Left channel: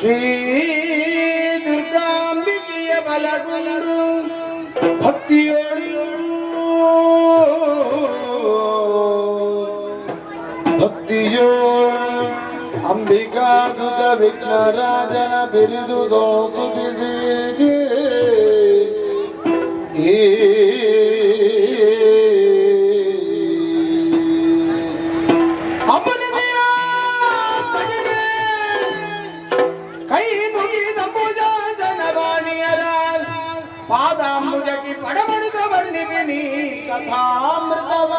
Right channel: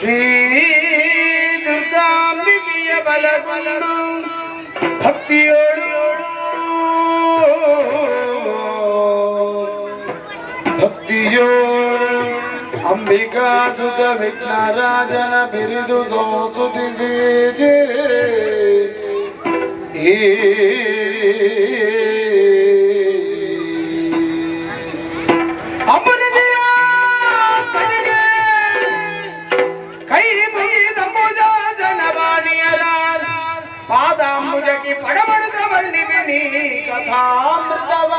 ಶ್ರೀ ದುರ್ಗಾಂಬಿಕೆಯ ಬಲಗೊಂಡು ಭಕ್ತಿಯೋಳು ಅಂಬಿಕಾ ಸುತ ವಿಘ್ನರಾಜನ ಬಿರಿದು ಸ್ತುತಿಸಿದೆ. ಕೈ ಮುಗಿದ ಜನವಾಣಿಯರ ಪಾದಾಂಬುಜಕ್ಕೆ ಪಡಮಡುತ್ತ ವರ್ಣಿವೆ ನೀ ಕಥಾಮೃತವ.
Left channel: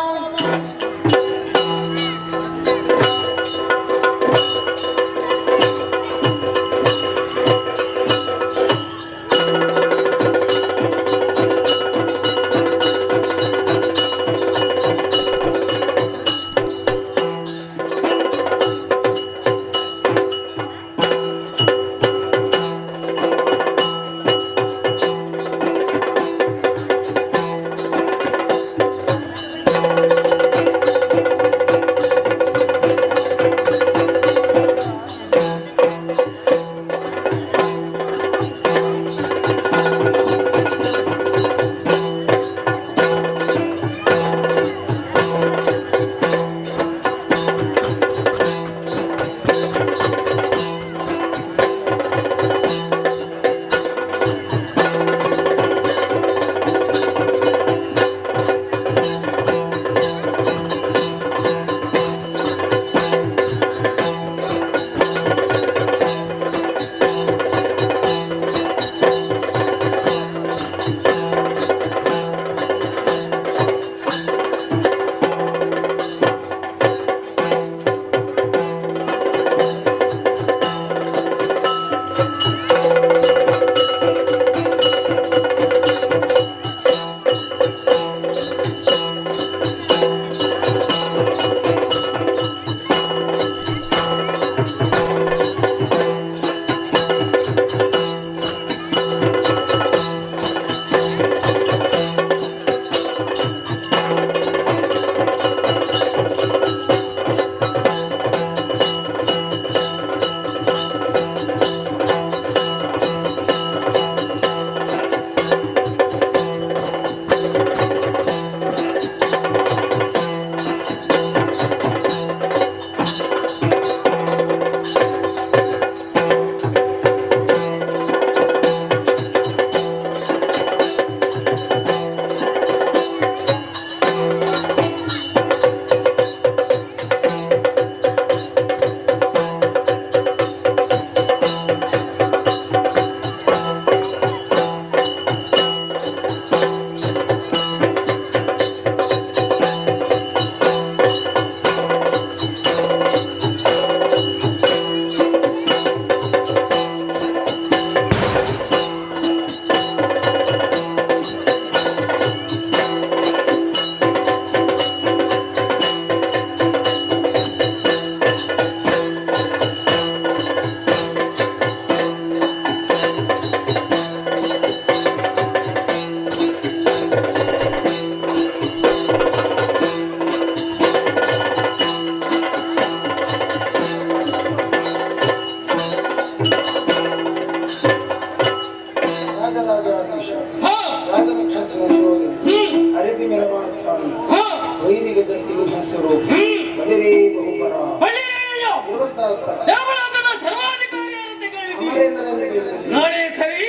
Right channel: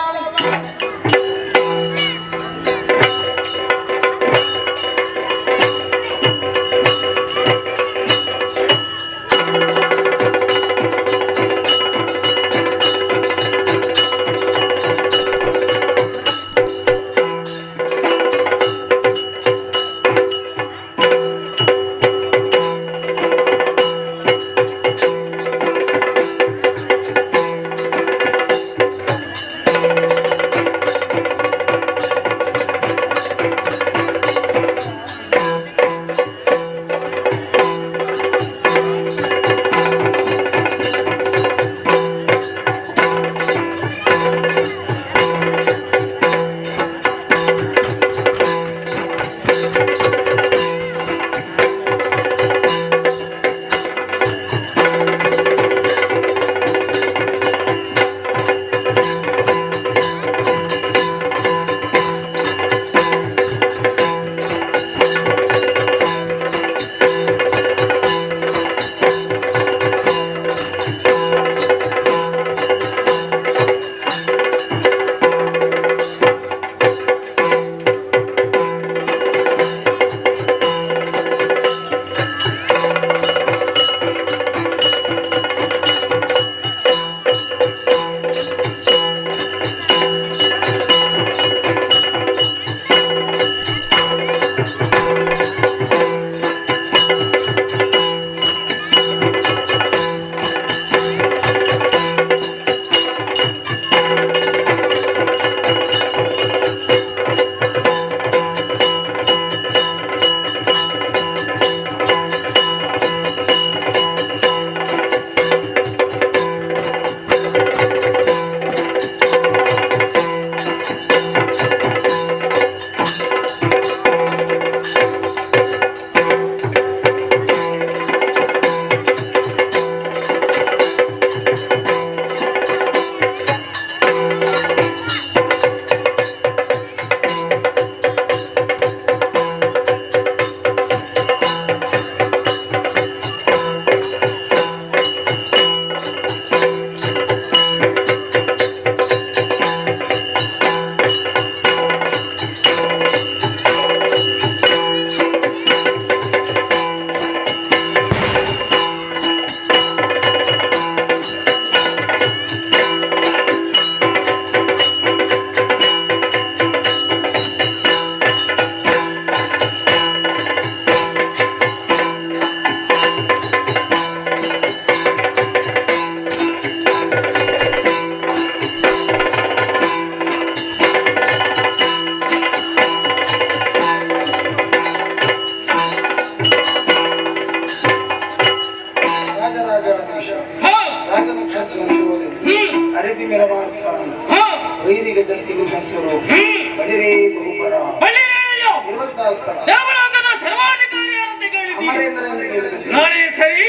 ನಾನೇ ಸರಿ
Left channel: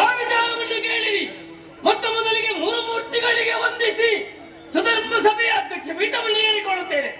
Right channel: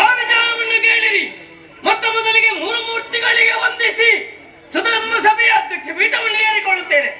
ಆ ವಿಚಾರವನ್ನು ಕೇಳಿರಿ. ಮೊತ್ತ ಮೊದಲಿಗೆ ಮೂರು ಮೂರ್ತಿಗಳಿಗೆ ವಂದಿಸಿ ಸುಧರ್ಮ ಸಭೆಯ ಅಧ್ಯಕ್ಷ ಪೀಠವನ್ನು ಏರಿಕೊಳ್ಳುತ್ತೇನೆ.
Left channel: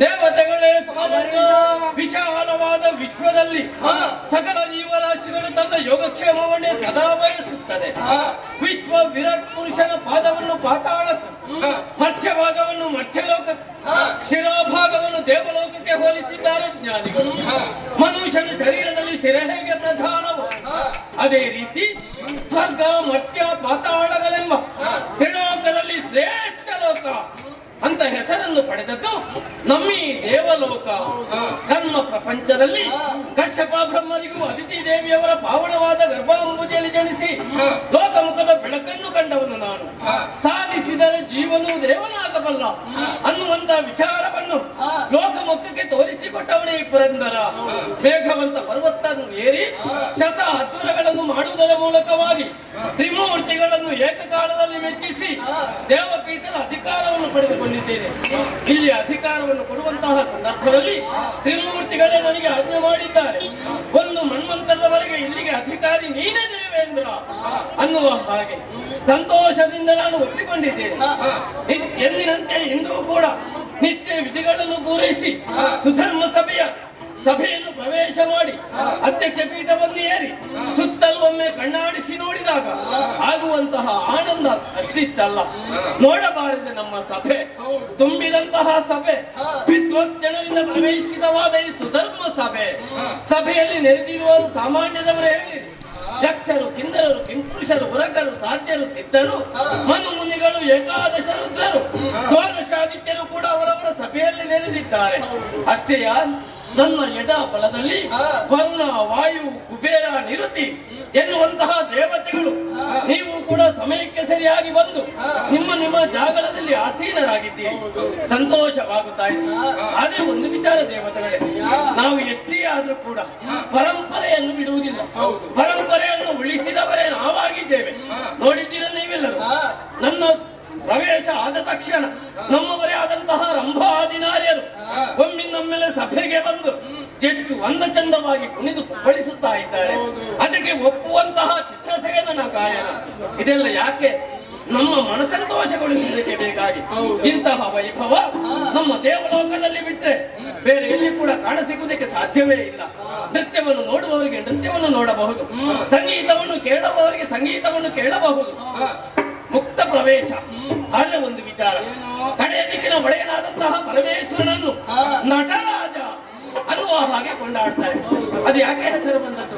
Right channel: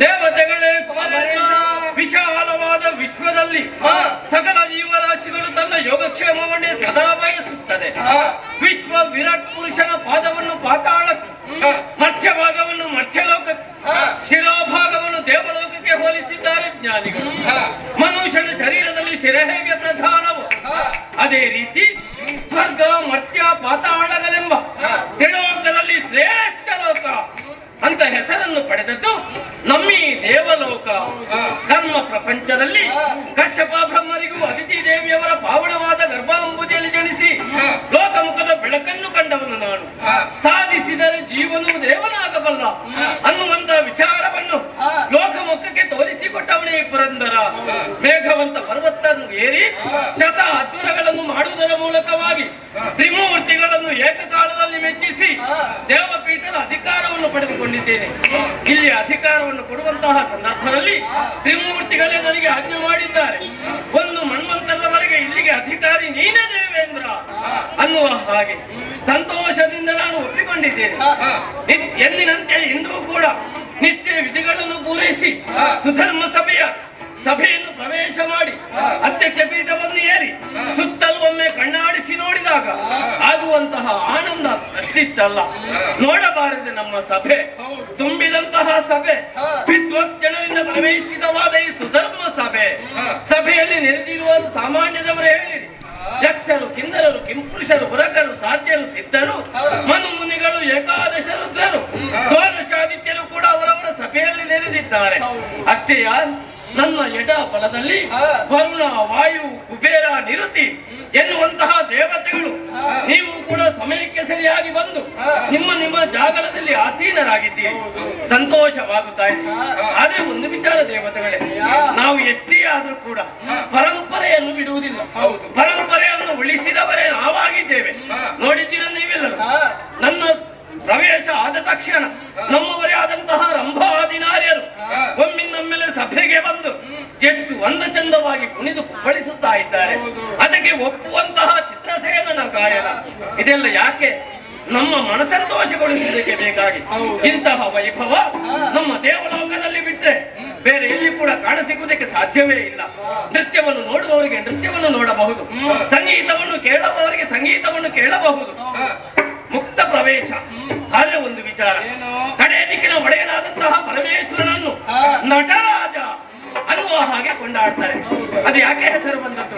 ದೇವತೆಗಳೇ ವಿಶಾಲವಾದ ವಿಶ್ವದಲ್ಲಿ ಸಕಲ ಜೀವರಾಶಿಗಳು ತನ್ನ ಯೋಗಕ್ಷೇಮವನ್ನೇ ಸದಾ ಬಯಸುತ್ತದೆ. ವಿಶ್ವ ವಿರಾಟ್ ಪುರುಷನ ಪಾದವನ್ನು ಪಾತಾಳಕ್ಕೆ, ಮಧ್ಯಭಾಗವನ್ನು ಮಧ್ಯಲೋಕಕ್ಕೆ, ಶಿರೋಭಾಗವನ್ನು ದೇವಲೋಕಕ್ಕೆ ಹೋಲಿಸಿದ್ದಾರೆ ಜ್ಞಾನಿಗಳು. ಮನುಷ್ಯನ ಶರೀರದಲ್ಲಿ ಶಿರ ಹೇಗೆ ಪ್ರಧಾನವು, ಅದೇ ರೀತಿ ಸ್ವರ್ಗ ಮರ್ತ್ಯ ಪಾತಾಳಗಳೆಂಬ ತ್ರಿಲೋಕದಲ್ಲಿ ಶ್ರೇಷ್ಠ ಲೋಕ ಅಂತ ಹೆಸರನ್ನು ಪಡೆದದ್ದು ನಮ್ಮೀ ದೇವಲೋಕ. ಕರ್ಮ ಪ್ರಪಂಚದಲ್ಲಿ ಕಶ್ಯಪ ಬ್ರಹ್ಮರಿಗೂ ಅದಿತಿ ದೇವಿಯವರ ಪಾವನವಾದ ಗರ್ಭಾಂಬುದಿಯಲ್ಲಿ ಜನಿಸಿ ಲೋಕಮುಖದ ಬೆಳಕನ್ನು ಕಂಡವನು ನಾನು. ಸಾಧಿಸಿದರೆ ಜೀವನು ದೇವನಾಗಬಲ್ಲ ಅನ್ನುವಂತ ವಿಚಾರವನ್ನು ಲೋಕಮುಖಕ್ಕೆ ತೋರಿಸಿಕೊಟ್ಟವನೇ ಪುರಂದರ. ಮೇಘವಂತ ಪರ್ವತವನ್ನು ಏರಿ ಶತ ಅದ್ಭುತಗಳನ್ನು ಮಾಡುವುದರ ಮೂಲಕವಾಗಿ ತ್ರಿಮೂರ್ತಿಗಳನ್ನು ಏಕಕಾಲದಲ್ಲಿ ಮೆಚ್ಚಿಸಿ ದೇವಪೀಠದ ಅಧಿಕಾರವನ್ನು ಪಡೆದುಕೊಂಡಿದ್ದೇನೆ. ಇಲ್ಲಿ ಅಧಿಕಾರವನ್ನು ಕೊಡುವಂತಹ ಸಂದರ್ಭದಲ್ಲಿ ತ್ರಿಮೂರ್ತಿಗಳೇ ನನಗೆ ಆಜ್ಞೆ ಮಾಡಿದ್ದಾರೆ. ಒಂದು ಮನ್ವಂತರದವರೆಗೆ ಇಲ್ಲಿಗೆ ಅಧಿಕಾರಿ ನೀನೇ ದೇವೇಂದ್ರ ಅನ್ನುವ ಹಾಗೆ ಸಂತೋಷದಿಂದ ನಾನು ಒಪ್ಪಿಕೊಂಡಿದ್ದೇನೆ. ಎಂದಿನಂತೆ ಇಂದೂ ಕೂಡ ನಿತ್ಯ ವಿಧಿಗಳನ್ನು ಪೂರೈಸಿ ಸುಧರ್ಮ ಸಭೆಯನ್ನು ಪ್ರವೇಶ ಮಾಡಿ ಅಧ್ಯಕ್ಷ ಪೀಠವನ್ನು ಏರಿ ಸುತ್ತಲೂ ಒಮ್ಮೆ ಕಣ್ಣಾಡಿಸಿ ನೋಡಿದಾಗ ಆಗುವಂತಹ ಆನಂದ ಅಷ್ಟಿಷ್ಟಲ್ಲ. ನೋಡಬಾರದೆ ನಮ್ಮ ಸಭೆ, ತುಂಬಿದಂತಹ ಸಭೆ, ವಿದ್ವಜ್ಜನರಿಂದ ಪ್ರವೇಶಿತವಾದ ಈ ಸುಧರ್ಮ ಸಭೆಯಲ್ಲಿ ನೆರೆದಿರುವುದು ಸಾಮಾನ್ಯದವರೇ ಹೇಳಿರಿ. ಯಕ್ಷರು, ಕಿಂದರರು, ಕಿಂಪುರುಷರು, ಉರಕರು, ಸಾಧ್ಯರು, ಸಿದ್ಧರು, ಮನು ಮುನಿಗಳು, ಏಕಾದಶ ರುದ್ರರು, ದ್ವಾದಶಾದಿತ್ಯರು ಕೂಡ ಅವರವರ ಸಭೆಯಲ್ಲಿ ನೆರೆದಿದ್ದಾರೆ. ಅಷ್ಟೇಯ ನನ್ನ ಎಡ ಬಲದಲ್ಲಿ ವರುಣ, ವಾಯು, ಕುಬೇರ, ನಿರುತಿ ಎನ್ನುವಂತಹ ದೇವತೆಗಳು ನೀವು ಕೂಡ ಸಮಯಕ್ಕೆ ಸರಿಯಾಗಿ ಬಂದು ನಿಮ್ಮ ಜಾಗದಲ್ಲಿ ಆಸೀನರಾಗಿದ್ದೀರಿ. ಸಂತೋಷವಾಗುತ್ತಾ ಇದೆ. ಆದ್ರೆ ಒಂದು ವಿಚಾರ ದೇವತೆಗಳೇ, ನಾವು ಎಷ್ಟೇ ಆದ್ರೂ ಕೂಡ ಪರಂಪರೆಯನ್ನು ಬಿಡುವುದಿಲ್ಲ. ಪರಂಪರೆಯನ್ನು ಉಳಿಸಿದವರೇ ನಾವಾಗಿದ್ದೇವೆ. ನೋಡಿದ್ದೀರ ನೀವೆಲ್ಲರೂ. ನನ್ನ ಪ್ರವೇಶ ಆದ ತಕ್ಷಣ ನಮ್ಮವರೇ ಆದಂತಹ ರಂಭಾದಿನಾರ್ಯರು ಒಮ್ಮಿನೊಮ್ಮೆಲೆ ಸಭೆಗೆ ಬಂದು ಎಷ್ಟು ಒಂದ ಚಂದವಾಗಿ ಕುಣಿದು ಕುಪ್ಪಳಿಸುತ್ತಾ ಇದ್ದಾರೆ. ಅದಕ್ಕೆ ಒಪ್ಪುವಂತಹ ಚಿತ್ರಸೇನನ ಗಾಯನ. ಇದೆಲ್ಲ ಯಾಕೆ? ನಮ್ಮ ಮನಸಂತೋಷಗೊಳಿಸುವುದಕ್ಕೆ ಬೇಕಾಗಿ. ಇಂತಹ ವೈಭವ ನಮ್ಮ ದೇವಲೋಕದಲ್ಲಿ ಬಿಟ್ಟರೆ ಬೇರೆ ಎಲ್ಲಿ ಕೂಡ ಕಾಣಸಿಗುವುದಕ್ಕೆ ಸಾಧ್ಯವೇ ಇಲ್ಲ. ನೃತ್ಯವನ್ನು ನೋಡುವವರಿಗೆ ನೃತ್ಯವನ್ನು ನೋಡಬಹುದು, ಸಂಗೀತವನ್ನು ಕೇಳುವವರಿಗೆ ಸಂಗೀತವನ್ನು ಕೇಳಬಹುದು. ಮುಕ್ತ ಪ್ರವೇಶ. ಆದ್ರೆ ಒಂದು ವಿಚಾರ, ಕಡೆ ದಿಕ್ಕಿನ ಒಡೆಯನಾದಂತಹ ಪರಮೇಶ್ವರನನ್ನು ನಟರಾಜ ಅನ್ನುವ ಹಾಗೆ ಕೊಂಡಾಡ್ತಾರೆ. ಅದು ಯಾಕೆ ಹೆಸರು ಬಂದದ್ದು?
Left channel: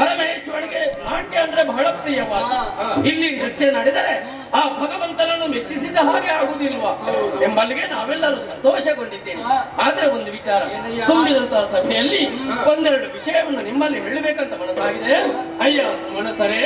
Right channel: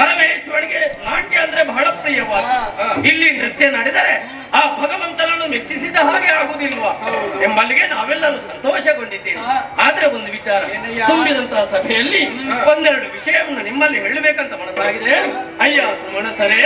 ಪರಮೇಶ್ವರನಿಗೆ ನಾಟ್ಯ ಅಂದ್ರೆ ಬಹಳ ಪ್ರಿಯವಾದ. ಇಲ್ಲಿ ನೃತ್ಯ ನಡೆದರೆ ಆ ಭಗವಂತನನ್ನು ಮೆಚ್ಚಿಸಿದ ಹಾಗೆ ಆಗುವುದಿಲ್ವಾ ಎಂಬಲ್ಲಿಗೆ ನಾವೆಲ್ಲರೂ ಸಂತೋಷಗೊಂಡಿದ್ದೇವೆ. ಆದ್ರೆ ಒಂದು ವಿಚಾರ, ತುಂಬಿದಂತಹ ಸಭೆಯಲ್ಲಿ ಒಂದೆರಡು ವಿಷಯವನ್ನು ನಿಮ್ಮಲ್ಲಿ ಹೇಳಬೇಕಂತ ಮನಸ್ಸಾಗಿದೆ. ಅಯ್ಯ ಸುಮನಸರೇ,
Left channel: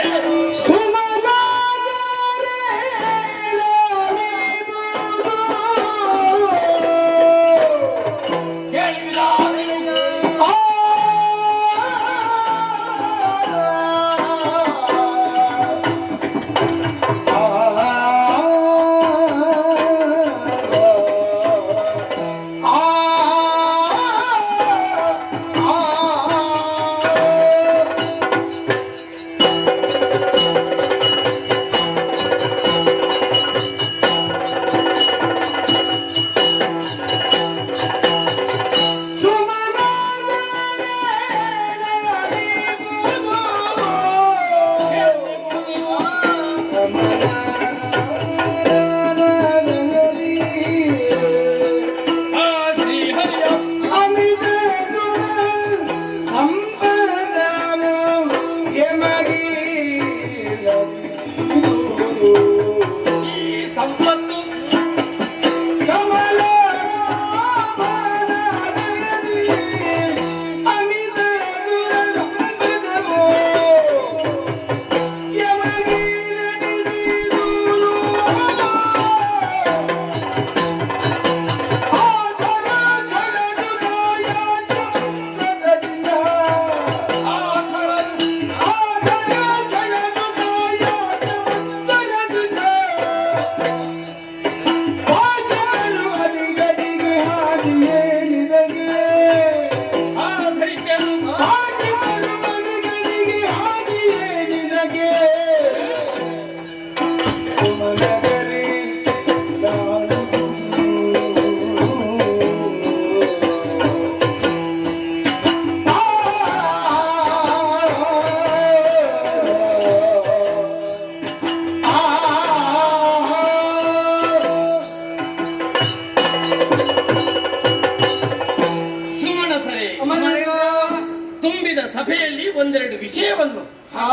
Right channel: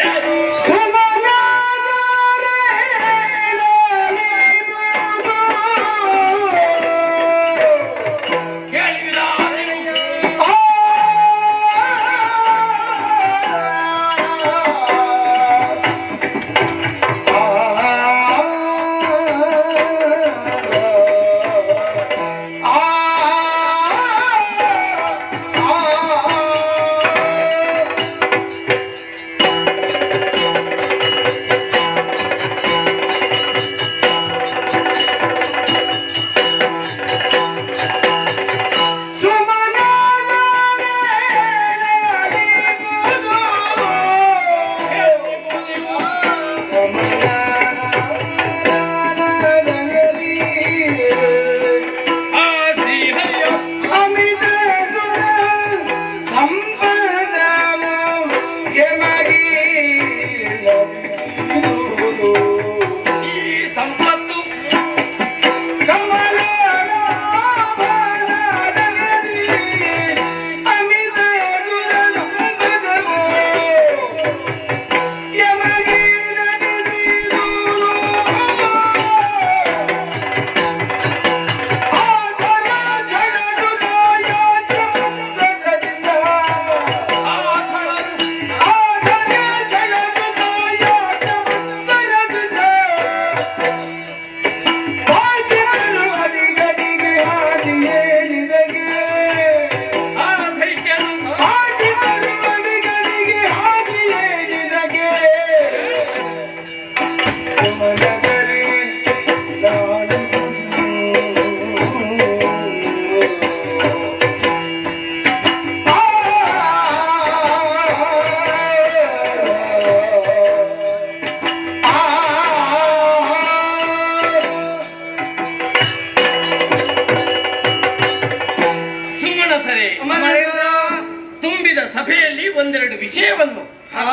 ಸಭೆಯಲ್ಲಿ ಒಂದೆರಡು ವಿಷಯವನ್ನು ಹಾ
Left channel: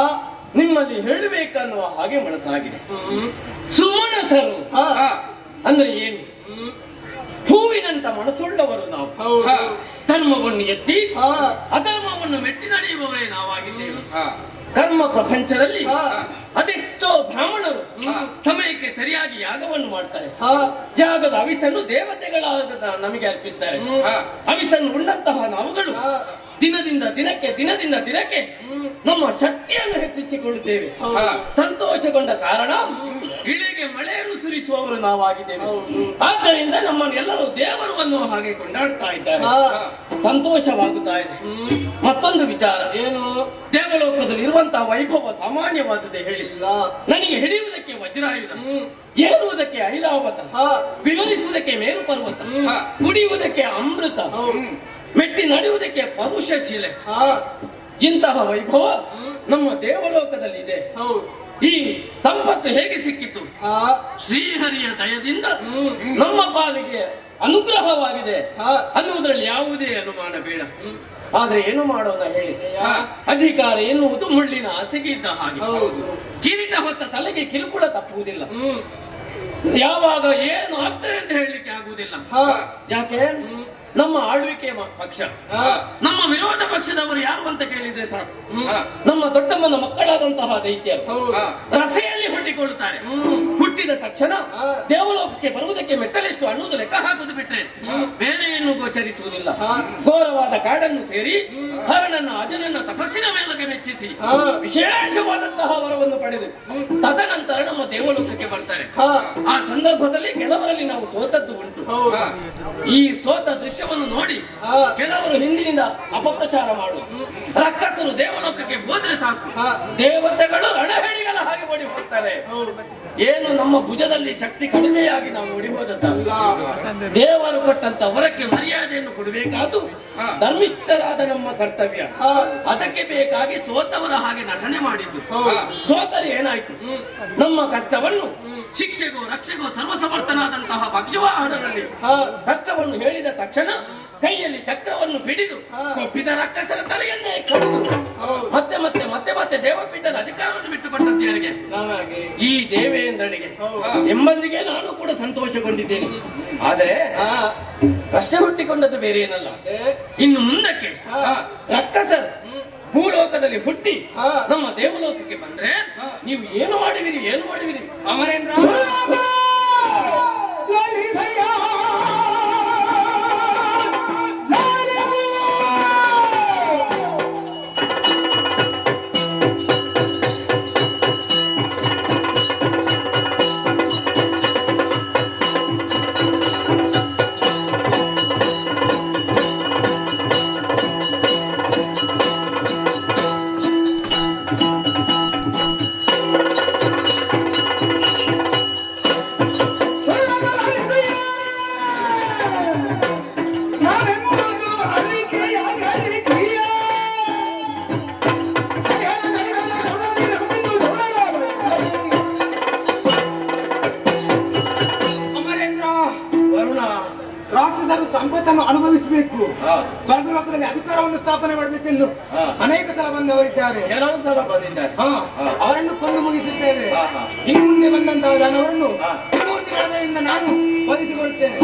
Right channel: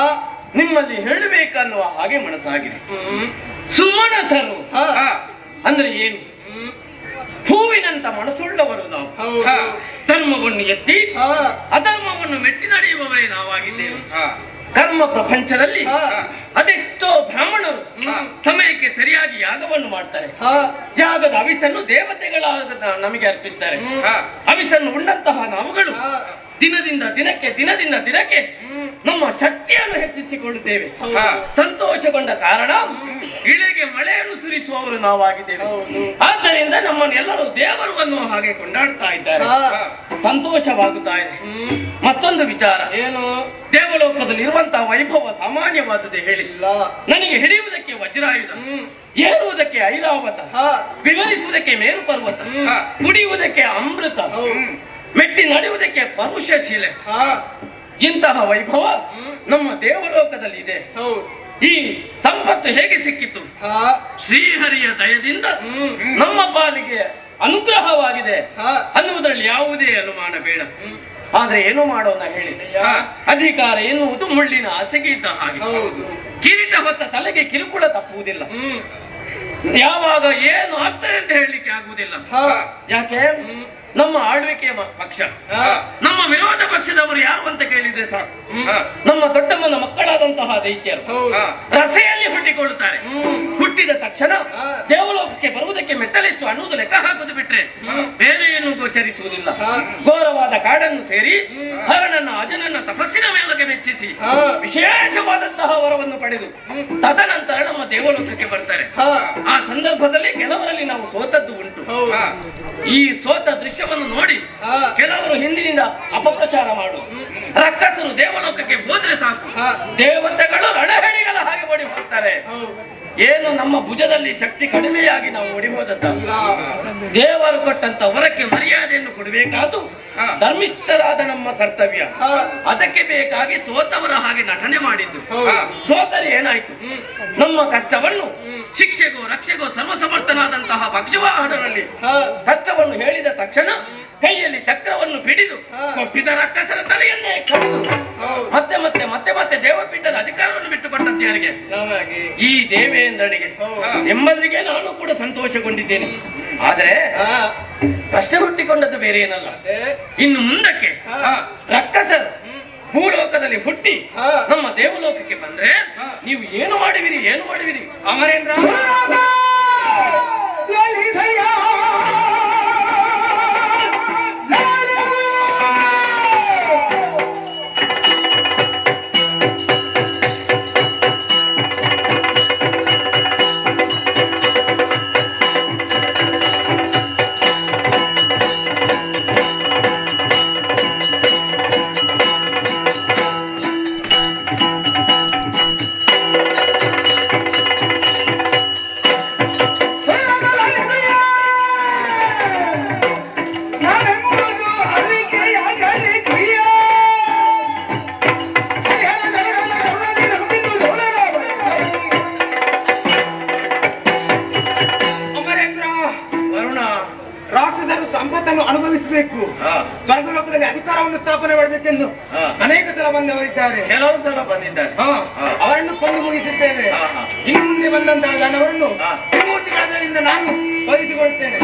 ನಿಮ್ಮಲ್ಲಿ ಹೇಳಬೇಕನ್ನುವ ಹಾಗೆ ಮನಸ್ಸಾಗಿದೆ. ಹ್ಮ್ ಸುಮನಸರು ಹಾ ಅಂದ್ರೆ ಏನು? ಹ್ಮ್ ಹೂವಿನಂತ ಮನಸ್ಸುಳ್ಳವರು ನಾವು. ಹೌದು ಧರ್ಮವನ್ನು ಎತ್ತಿ ಹಾ ಅಧರ್ಮವನ್ನು ಮೆಟ್ಟಿ ನಡೆಯುವವರೇ ನಾವಾಗಿದ್ದೇವೆ. ಹಾ ಕರ್ಮ ಪ್ರಪಂಚದಲ್ಲಿ ಹಾ. ಅದೆಷ್ಟೋ ಬ್ರಾಹ್ಮಣರು ಸಮಯಕ್ಕೆ ಸರಿಯಾಗಿ ಯಾಗವನ್ನು ಮಾಡ್ತಾರೆ. ಹಾ ಯಾಗದ ಅವಿಸನ್ನು ದೇವತೆಗಳಾದ ನಮಗೆ ಅರ್ಪಿಸ್ತಾರೆ. ಹಾ. ಅವಿಸನ್ನು ಉಂಡಂತಹ ನಾವುಗಳು ಹಾ. ದಿನದಿಂದ ದಿನಕ್ಕೆ ನಮ್ಮ ಶಕ್ತಿಯನ್ನು ಹೆಚ್ಚಿಸಿಕೊಳ್ಳುತ್ತೇವೆ. ಹಾ. ಸಂತೋಷಗೊಂಡ ಕಾರಣ ಇಳೆಗೆ ಮಳೆಯನ್ನು ಸುರಿಸುವವರು ನಾವಾಗಿದ್ದೇವೆ. ಹೌದು. ಆದ್ದರಿಂದ ನಮ್ಮನ್ನು ಎಲ್ಲರೂ ದೇವರು ಅನ್ನುವ ಹಾಗೆ ಕೊಂಡಾಡ್ತಾ ಇದ್ದಾರೆ. ಹಾ. ಸಂತೋಷವಾಗುತ್ತಾ ಇದೆ. ಮತ್ತೊಂದು ವಿಚಾರ, ಏನು ದೇವಲೋಕದಲ್ಲಿ ಇರುವಂತಹ ವೈಭವ ಸಾಮಾನ್ಯವಾದುದೇ ಹೇಳಿ. ಇಲ್ಲ ನನಗೆ ಹಿಡಿಯುವುದಕ್ಕೆ ವಜ್ರಾಯುಧ, ಹ್ಮ್ ಏರುವುದಕ್ಕೆ ಐರಾವತ, ಹಾ ವಿವರಿಸುವುದಕ್ಕೆ ಮೇರು ಪರ್ವತ, ಹಾ. ಕುಡಿಯುವುದಕ್ಕೆ ಅಮೃತ, ಹೌದು. ಮೆಟ್ಟಿ ನಡೆಯುವುದಕ್ಕೆ ಪರುಷ ಶಿಲೆ. ಹಾ ಇಂತಹ ವೈಭವ ನಮ್ಮ ದೇವಲೋಕದಲ್ಲಿ ಇದೆ. ಹೌದು. ಈ ಸಂಪತ್ತು ಹೇಗೆ ಸಿಕ್ಕಿತು? ಹಾ ಶ್ರೀಹರಿಯ ದಯದಿಂದ ಹ್ಮ್ ನಮ್ಮ ಪಾಲಿಗೆ ಅನುಗ್ರಹವಾಗಿದೆ ಹಾ ಅನ್ನುವುದರಲ್ಲಿ ಯಾವುದೇ ಅನುಮಾನ ಬೇಡ. ಆದ್ರೆ ಏನು ಮಾಡೋಣ ಹೇಳಿ? ಹಾ. ಅಧಿಕಾರ ಎನ್ನುವುದು ಮುಳ್ಳಿನ ಹಾಸಿಗೆ ಇದ್ದ ಹಾಗೆ. ಹೌದು. ಕಿರೀಟ ಹೊತ್ತ ತಲೆಗೆ ಕಿರುಕುಳ ತಪ್ಪುವುದಿಲ್ಲ. ಹ್ಮ್ ಯಾವಾಗ ಏನು ಆಗ್ತದೆ ಅಂತ ಹೇಳಲಿಕ್ಕೆ ಆಗುವುದಿಲ್ಲ. ಹಾ ಯಾಕೆ? ನಮ್ಮ ಆಳ್ವಿಕೆಯ ಪಕ್ಷ, ಹಾ. ನಮ್ಮ ವಿರೋಧ ಪಕ್ಷದವರು ಯಾರು ಅಂತ ಕೇಳಿದ್ರೆ ಸಾಕು, ಹಾ. ನಮ್ಮ ದೊಡ್ಡಮ್ಮನ ಮಕ್ಕಳಾದಂತಹ ದೈತ್ಯರು ಹೌದು. ರಸೆಯಲ್ಲಿ ಹುಟ್ಟಿಕೊಳ್ಳುತ್ತಾರೆ. ಹುಟ್ಟಿದ ತಕ್ಷಣ ಹಾ. ದೇವಲೋಕಕ್ಕೆ ಬರುವುದಕ್ಕೆ ಮೆಟ್ಟಲೆಷ್ಟು ಅನ್ನುವುದು ಲೆಕ್ಕ ಹಾಕುವುದು ಬಿಟ್ರೆ ಬೇರೆ ಏನು ಗೋಚರಿಸುವುದಿಲ್ಲ. ಹಾ. ಘೋರವಾದ ಕಾಡನ್ನು ಸೇರಿ ಹರನನ್ನ ಅಜನನ್ನ ತಪಸ್ಸಿನ ಮೇಲಕ್ಕೆ ಮೆಚ್ಚಿಸಿ ಹಾ. ವಿಶೇಷವಾದಂತಹ ವರವನ್ನು ಪಡೆದು ತದನಂತರ ನಮ್ಮ ದೇವಲೋಕಕ್ಕೆ ಬರ್ತಾರೆ. ಹಾ. ಆ ಸಂದರ್ಭದಲ್ಲಿ ಕೆಲವರಲ್ಲಿ ನಾವು ಸೋತದ್ದು ಉಂಟು. ಹೌದು. ಈ ಸೋತ ದೃಶ್ಯವನ್ನು ನೋಡಿ ಹಾ. ಕೆಲವರು ಹಿಂದಿನಿಂದ ಅಪಪ್ರಚಾರ ಮಾಡು ರಕ್ಕಸರು ದೇವಲೋಕಕ್ಕೆ ಹೋದ್ರೆ ಸಾಕು, ಹಾ. ದೇವತೆಗಳು ರಣಹೆಣಿಗಳ ಹಾಗೆ ಓಡಿ ಹೋಗ್ತಾರೆ. ಹೌದು. ಏನು ನಮ್ಮ ಭುಜದಲ್ಲಿ ಶಕ್ತಿ ಕಡಿಮೆಯಾಗಿ ನಾವು ಓಡಿ ಹೋದದ್ದಲ್ಲ. ದೇವರು ಕೊಟ್ಟಂತ ವರಕ್ಕೆ ಮರ್ಯಾದೆಯನ್ನು ಕೊಡಬೇಕಾದ್ದು ಧರ್ಮಿಷ್ಠರಾದ ನಮ್ಮ ಕರ್ತವ್ಯ. ಹಾ. ಅದಕ್ಕೆ ಬೇಕಾಗಿ ಸೋತವರ ಹಾಗೆ ನಟನೆ ಮಾಡಿದ್ದು. ಹೌದು. ಸೋತರೆ ಏನಾಯ್ತು? ನಮ್ಮ ಕಷ್ಟವನ್ನು ಶಿಕ್ಷೆಗೋ ರಕ್ಷೆಗೋ ಸರ್ವಸಮರ್ಥನಾದಂತಹ ಪಕ್ಷವಾಹನರಲ್ಲಿ ಹಾ. ಕಷ್ಟವನ್ನು ಹೇಳಿದ ತಕ್ಷಣ ಕೈಯಲ್ಲಿ ಚಕ್ರವನ್ನು ಹಿಡಿದು ಹಾ. ಕೊಪ್ಪಿದ ರಕ್ಕಸರ ತಲೆಯನ್ನೇ ಕಡಿದು ಹೌದು. ಮತ್ತೆ ಮತ್ತೆ ಮತ್ತೆ ಮತ್ತೆ ದೇವಪೀಠದ ಅಧಿಕಾರವನ್ನು ಬಿಟ್ಟುಕೊಟ್ಟದ್ದು ಯಾರಿಗೆ? ನಮಗೆ ಈ ದೇವೇಂದ್ರನಿಗೆ. ಹೌದು. ಎಂಬಲ್ಲಿಗೆ ನಾನು ಕೂಡ ಸಂತೋಷಗೊಂಡಿದ್ದೇನೆ. ಆದರೆ ಹಾ. ಪ್ರಶ್ನೆ ಹುಟ್ಟಿಕೊಂಡದ್ದು ಬೇರೆ ಏನಲ್ಲ. ಅದೇ. ಇನ್ನು ಮುಂದಕ್ಕೆ ಹಾ. ರಕ್ಕಸರು ಭೂಲೋಕದಲ್ಲಿ ಹುಟ್ಟಿ ಹಾ. ನಮ್ಮ ದೇವಲೋಕಕ್ಕೆ ಬಂದ್ರೆ ನೀವು ಏನು ಮಾಡುವಿರಿ? ಅಮರೇಂದ್ರ ಅಮರೇಂದ್ರ ವರುಣ, ರಾಕ್ಷಸರು ಸಂಪತ್ತನ್ನು ಅನುಭವಿಸಬೇಕು, ಹಾ. ಸ್ವರ್ಗಲೋಕದಲ್ಲಿ ಅಧಿಕಾರವನ್ನು ಸ್ಥಾಪನೆ ಮಾಡಬೇಕೆಂದು ಹಾ. ಅನೇಕ ಸಲ ಬಂದವರಿದ್ದಾರೆ. ಕೆಲವು ಸಲ ಬಂದಿದ್ದಾರೆ. ಹಾ. ಹಾ. ಅವರನ್ನು ಕೊಂದು ಮುಗಿಸಿದ್ದೇವೆ. ಹಾ, ಹಾ. ಇನ್ನು ಮುಂದೆ ಬಂದಂತಹ ದಾನವರನ್ನು ಹಾ. ತ್ರಿಮೂರ್ತಿಗಳಿಂದ ನಾನು ಒದಗಿಸಿಕೊಡುತ್ತೇನೆ.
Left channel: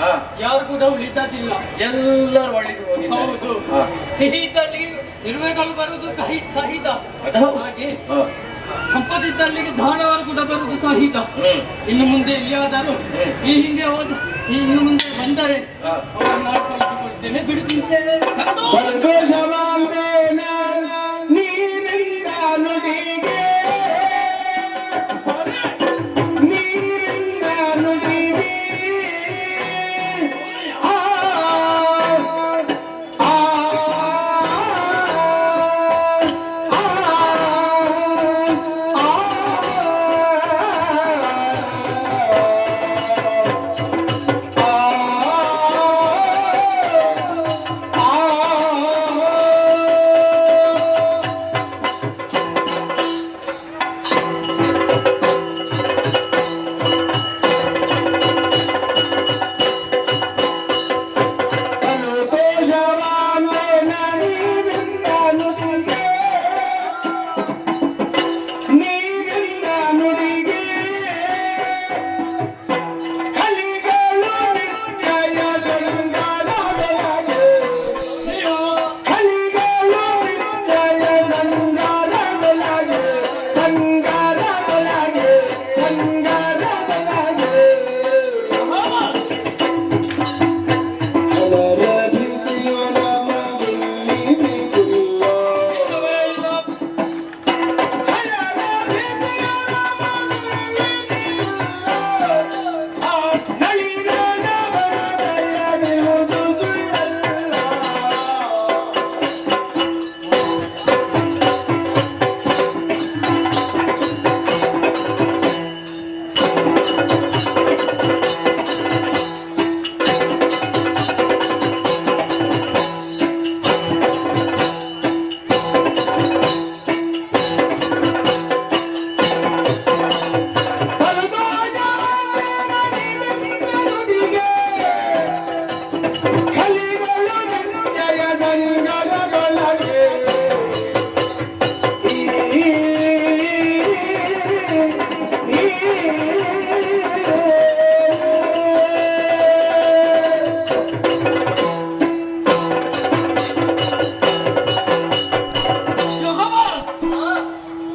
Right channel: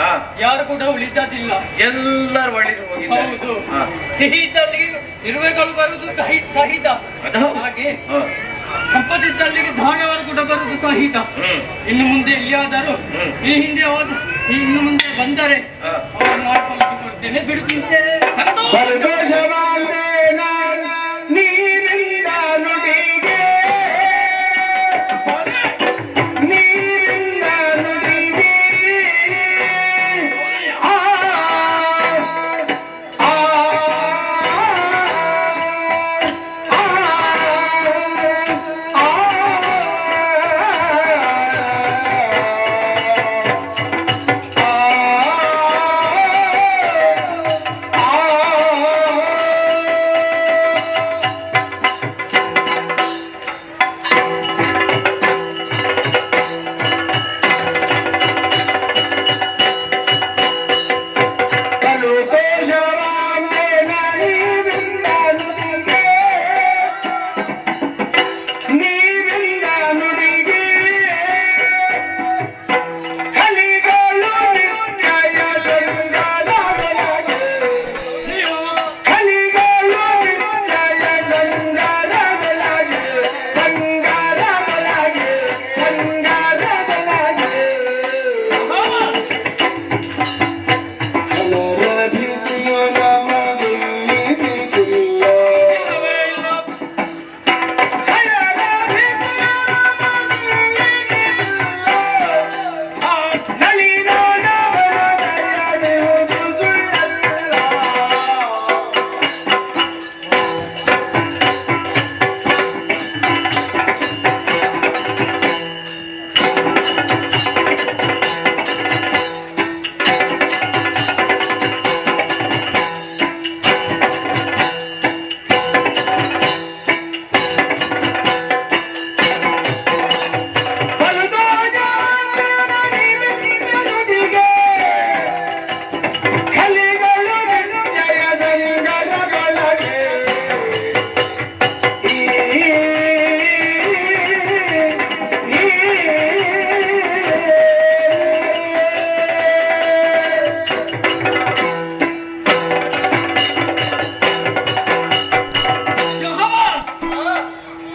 ಹಾ. ಯಾರು ಕೂಡ ಉಳಿದದಿಲ್ಲ. ಎಲ್ಲರೂ ಒಳ್ಳೆದು ಹೋಗಿದ್ದಾರೆ. ಹೌದು. ಹಾ. ಸಿಹಿ ಇದ್ದಲ್ಲಿ ಇರುವೆಗಳು ಬರುವುದು ಸಹಿತ, ಅದು ಹೌದು. ಹಾಗೆ ಹಾ. ಸಂಪತ್ತಿದ್ದಲ್ಲಿಗೆ ದಾನವರು ಕೂಡ ಬರುವುದು ಸಹಿತ. ಇನ್ನು ಮುಂದೆ ಎಲ್ಲಿಯಾದರೂ ಈ ಹಿಂದೆ ಇನ್ನು ಮುಂದೆ ಬಂದರೆ ಹಾ. ಅವರನ್ನು ಆಡ್ಕೊಳ್ತೇನೆ, ಬಿಡುತ್ತಿದ್ದೆ. ನೀರಿಂದ ನುಡಿಗೆ ನೀರಿಂದ ನುಡಿಗೆ ಆ ಆ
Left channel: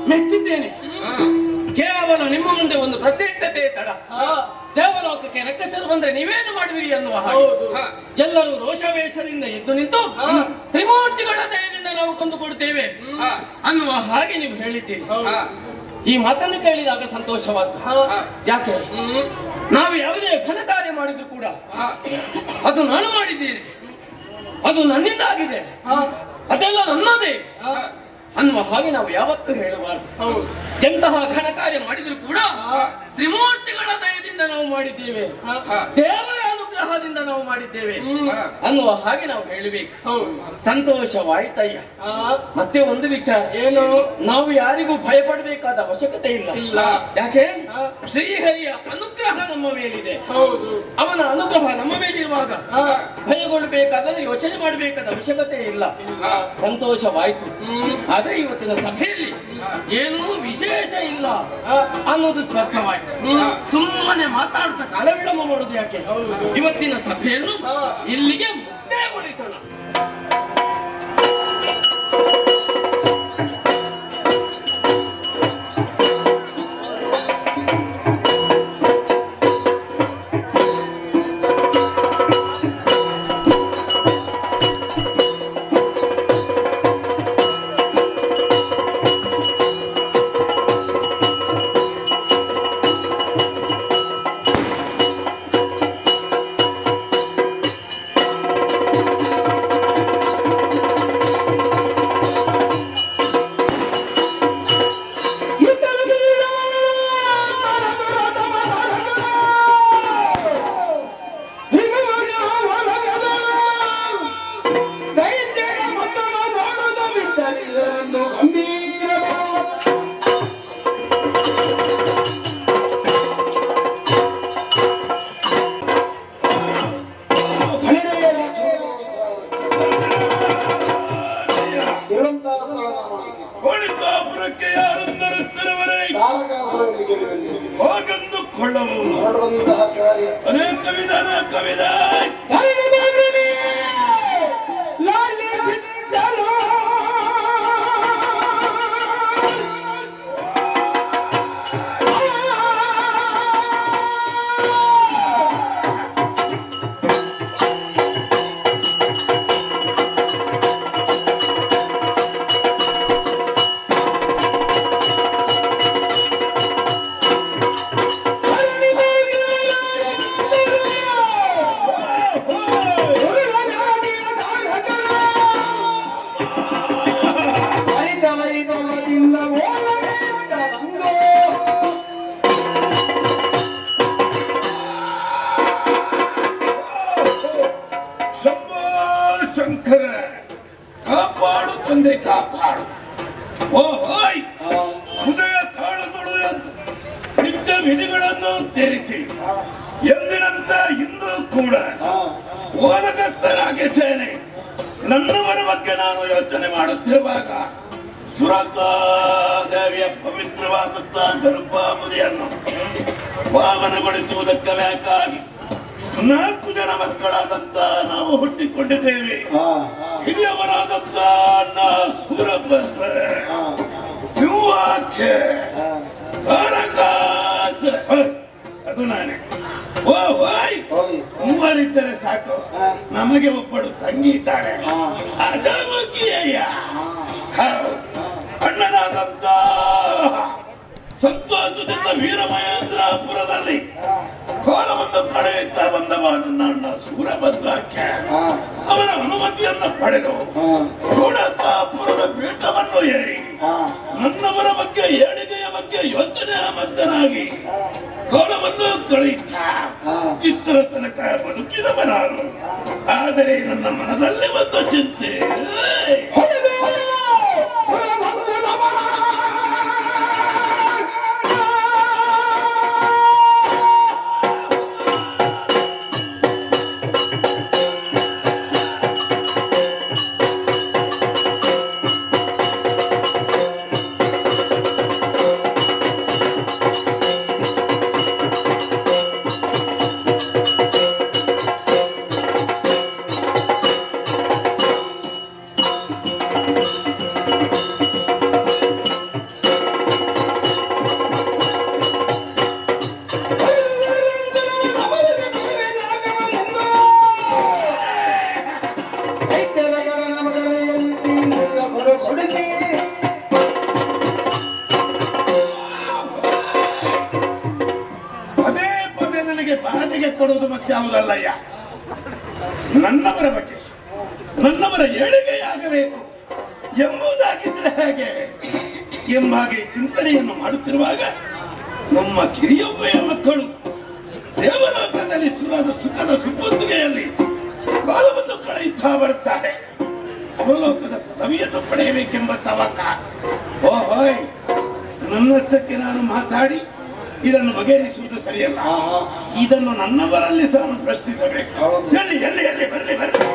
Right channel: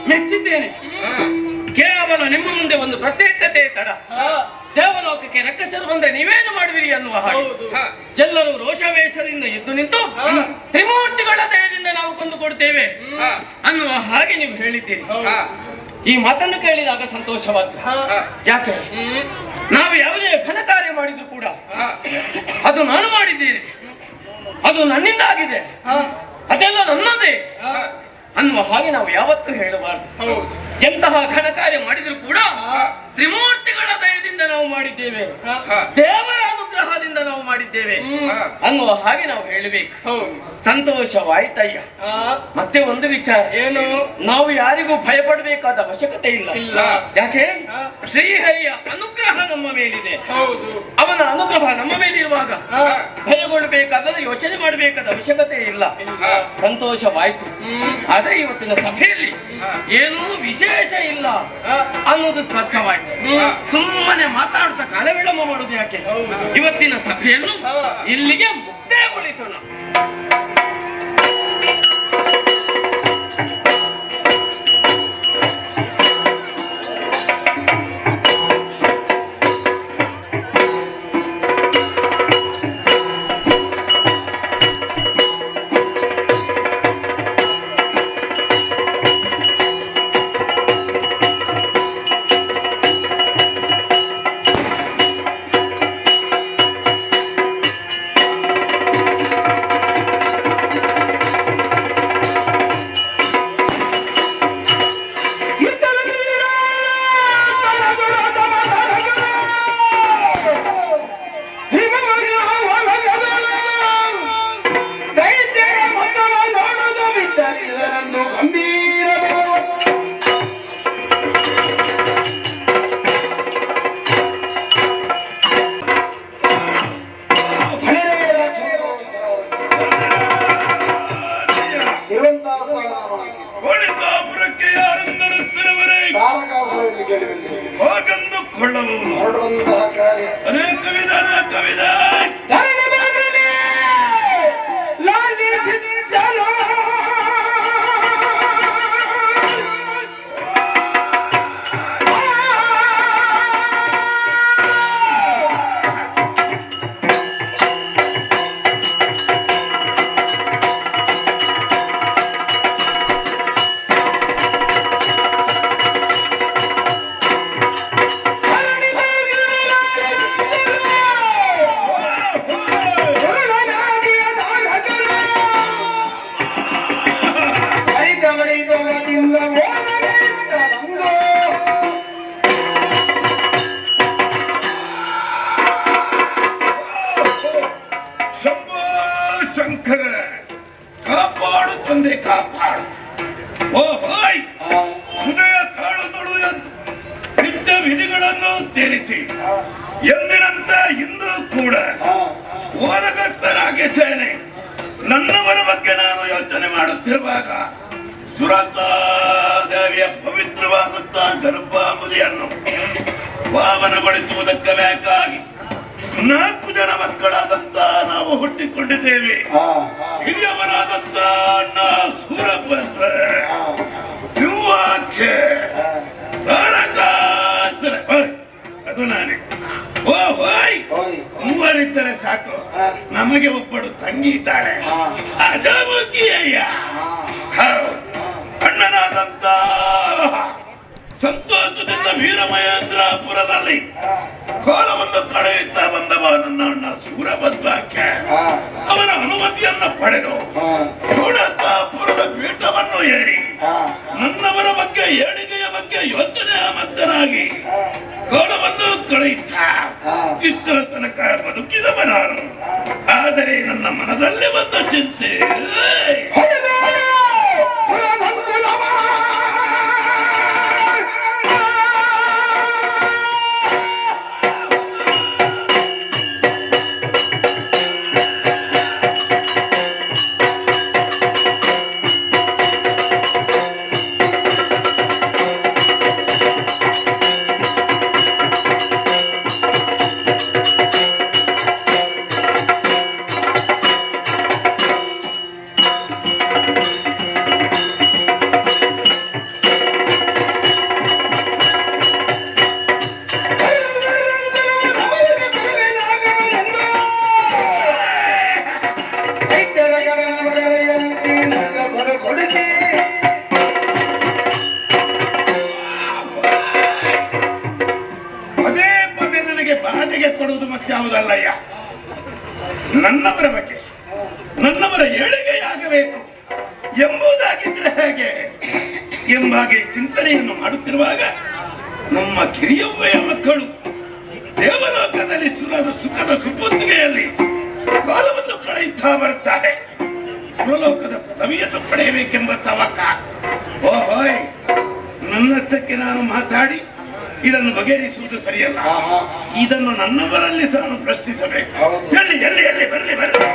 ಮೆಚ್ಚಿದ್ದೇನೆ. ಕೇವಲ ನಿಮ್ಮ ಮುಂದೆ ಒಂದು ಪ್ರಶ್ನೆ ಇಟ್ಟದೆ ತಡ. ದೇವಲೋಕಕ್ಕೆ ರಕ್ಕಸರು ಬಂದ್ರೆ ನೀವೇನು ಮಾಡುವಿರಿ ಅನ್ನುವ ಹಾಗೆ ಎಲ್ಲರೂ ರೋಷವೇಷದಿಂದ ಎದ್ದು ನಿಂತು ತ್ರಿಮೂರ್ತಿಗಳ ದಯದಿಂದ ನಾವು ಕೊಂದು ಕೊಡ್ತೇವೆ ಅನ್ನುವ ಹಾಗೆ ನೀವು ಹೇಳಿದ್ದೀರಿ. ಈ ಮಾತನ್ನು ಕೇಳಿದಾಗ ಸಂತೋಷವಾದ್ದು. ಯಾಕೆ ನಾವು ಯಾವುದೇ ಘನ ಕಾರ್ಯ ಮಾಡಿದ್ರು ಕೂಡ ಅದು ನಾನು ಮಾಡಿದ್ದೀನಿ, ಅದು ನನ್ನಿಂದ ಆಗಿದೆ, ಅದೆಲ್ಲ ನನ್ನದೇ ಅನ್ನುವ ಹಾಗೆ ನಾವು ಯಾವತ್ತೂ ಹೇಳಬಾರದು. ಎಂತಹ ಘನ ಕಾರ್ಯ ಮಾಡಿದ್ರು ಕೂಡ ತ್ರಿಮೂರ್ತಿಗಳ ದಯದಿಂದ ನಾವು ಮಾಡಿದ್ದೇವೆ, ದೇವರ ಅನುಗ್ರಹದಿಂದ ನಾವು ಮಾಡಿದ್ದೇವೆ ಅನ್ನುವ ಹಾಗೆ ನಾವು ಹೇಳಬೇಕು. ಸಂತೋಷವಾಯ್ತಯ್ಯ. ಮತ್ತೆ ಒಂದು ವಿಚಾರ ಏನು, ನಾವು ಯಾರಿಗೂ ಭಯಪಡಬೇಕಾದ ಅವಶ್ಯಕತೆ ಇಲ್ಲ. ಯಾಕೆ ಶ್ರೀಹರಿಯ ಅನುಗ್ರಹ ನಮ್ಮ ಮೇಲಿದೆ. ಅವನ ಅನುಗ್ರಹ ನಮ್ಮ ಮೇಲಿರುವಾಗ ಭಯಗೊಳ್ಳಬೇಕಾದ ಯೋಚನೆ ಮಾಡಬೇಕಾದ ಅವಶ್ಯಕತೆ ಇಲ್ಲ. ಸಂತೋಷವಾಯ್ತು. ಆದ್ರೆ ಇವತ್ತಿನ ಸಭೆಯಲ್ಲಿ ಏನೂ ವಿಶೇಷ ಇಲ್ಲ ಅನ್ನೋದು ಸ್ಪಷ್ಟವಾಯ್ತು. ಸುಮ್ಮನೆ ಮಾತಾಡ್ತಾ ಕಾಲ ವಿಳಂಬ ಮಾಡುದು ಯಾಕೆ? ಇವತ್ತಿನ ಸಭೆಯನ್ನು ಇಲ್ಲಿಗೆ ಮುಕ್ತಾಯಗೊಳಿಸೋಣ. ಹಾಗೆಂದು ಮಾಡಿಕೊಳ್ಳಬಹುದು. ಹೊರಡುವಂತಹ ಕಾರ್ಯ ಅನೇಕ ವಿಧಾನ ಕವಿದ ಧರಣಿ ಮಗನೇ, ಲಾಲಿಸಿದಳು. ಶಂಭೋ ಶಂಕರ, ಕಾಪಾಡು ತಂದೆ ಕಾಪಾಡು. ಓ ಹೋಯ್, ಉದಯ ಕಾಲಗಳು ಎದ್ದು ನಿತ್ಯ ವಿಧಿಗಳನ್ನು ತೀರಿಸಿ ಎಂದಿನಂತೆ ಇಂದು ಕೂಡ ಓಲಗಸ್ತನಾಗಿದ್ದೇನೆ. ನನ್ನವರ ಬಗ್ಗೆ ನಾನು ಯೋಚನೆ ಮಾಡುತ್ತಿರುವಾಗ ಸುರತಾದೇವಿಯ ಪವಿತ್ರವಾದಂತಹ ಗರ್ಭಾಮುದಿಯನ್ನು ಪಾವನಗೊಳಿಸುವುದಕ್ಕೆ ಬೇಕಾಗಿ 4 ಜನ ಮಕ್ಕಳಾದಂತ ನಾವು ಹುಟ್ಟಿಕೊಂಡಿದ್ದೇವೆ. ಹಿರಿಯವರಾದಂತ ಅಣ್ಣ ಸೂರಭದ್ರ, ಸಿಂಹಾಖ್ಯ, ತಾರಕಾಸುರ, ಅದು ನಾನೇ. ಓ ಹೋಯ್, ಮೂವರಿದ್ದರೆ ಸಾಕು. ನಮಗೆ ಒಬ್ಬಳು ತಂಗಿ ಇದ್ದಾಳೆ, ಅಜಾಮುಖಿಯಯ್ಯ. ಅಣ್ಣನಾದಂತ ಸಂತೋಷದಿಂದ ವೀರಮಹೇಂದ್ರಪುರದಲ್ಲಿ ಕೋಲವನ್ನು ಕಳೆಯುತ್ತಾ ಬಂದವ ನನ್ನ ಅಣ್ಣ ಸೂರಭದ್ರಾಖ್ಯ. ಅವನ ಅನುಮತಿಯನ್ನು ಪಡೆದು ಶೂಡತಾಪುರದ ಪೀಠವನ್ನು ಏರಿ ನನ್ನವರ ಬಗ್ಗೆ ಏಳಿಗೆಯ ಬಗ್ಗೆ ಯೋಚನೆ ಮದ್ದನಾಗಿ ಕೋಲವನ್ನು ಕಳೆಯುತ್ತ ಇಷ್ಟರ ತನಕ ಬದುಕಿದವ ನಾನು. ಆದರೆ ನನ್ನ ಮನದಲ್ಲಿ ಒಂದು ಚಿಂತೆ. ಪದೇ ಪದೇ ನನಗೆ ಬಾಧೆಗೆ ಕೊಡುವುದು ಮತ್ತೆ ಯಾವುದಲ್ಲಯ್ಯ. ನನ್ನವರ ಬಗ್ಗೆ, ನನ್ನವರ ಏಳಿಗೆಯಾಗಬೇಕು ಎಂಬುದಾಗಿದ್ರೆ ಹೇಗೆ ಎಂಬಾಗೆ ಚಿಂತನೆಯನ್ನು ಮಾಡುತ್ತಿರುವಾಗ ನಮ್ಮ ಕಿರಿಯೊಬ್ಬೆಯ ಮಕ್ಕಳು ದೇವಲೋಕದಲ್ಲಿ ಸುಖದ ಸುಪುತ್ರಿಯಲ್ಲಿ ಕಾಲವನ್ನು ಕಳೆಯುತ್ತಾ ಬರುತ್ತಾರೆ. ಸುರಲೋಕದ ಪದವಿಯನ್ನು ಪಡೆಯಬೇಕೆಂಬ ತವಕ. ಓಹೋಯ್, ನನ್ನಷ್ಟಕ್ಕೆ ನಾನು ಮಾತಾಡಿ ಇದನ್ನು ಬಗೆಹರಿಸುವುದು ಸರಿಯಲ್ಲ. ಇದನ್ನು ನನ್ನವರಲ್ಲಿ ಸಹ ನಾನು ಪ್ರಶ್ನಿಸಬೇಕು. ಎಲ್ಲಿ ಎಲ್ಲಿ ಎಲ್ಲಿ ಬರಲಿ ಬರಲಿ.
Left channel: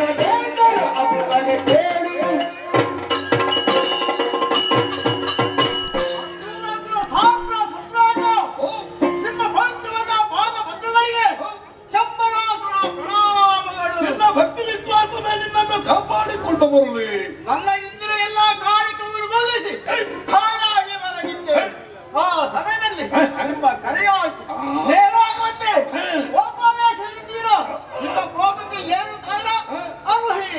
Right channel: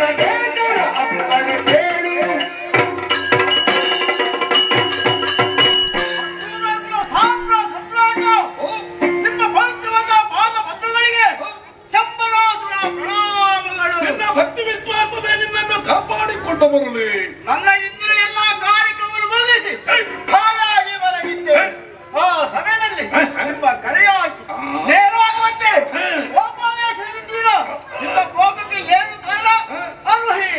ನನಗೆ ಅಪ್ಪಣೆ ಕೇಳಿ ನಿಮ್ಮ ಪವಿತ್ರವಾದ ಪಾದ ಪದ್ಮಗಳಿಗೆ ಶಂಭರಾಸುರ ಪ್ರಣಾಮಗಳು. ನಿನ್ನ ಭಕ್ತಿ ವಿಶ್ವಾಸವೇ ನಿನ್ನನ್ನು ಕಾಪಾಡಿಕೊಂಡು ಬರಲಿ. ನನ್ನ ಇಂದಿನ ಎಲ್ಲಾ ಕಾರ್ಯಕ್ರಮಗಳು ಮುಗಿಸಿ ಹಾಯಾಗಿ ಮಲಗಿದ್ದೆ. ಆ ಸಮಯದಲ್ಲಿ ನಿಮ್ಮ ಕರೆಯಾಗಿ ನೇರವಾಗುವಂತೆ ಕೋಪಾವೇಶದಿಂದೀರ ನಿಮ್ಮ ಕೋಪಕ್ಕೆ ಏನು ಕಾರಣ ಅರುಹಿ.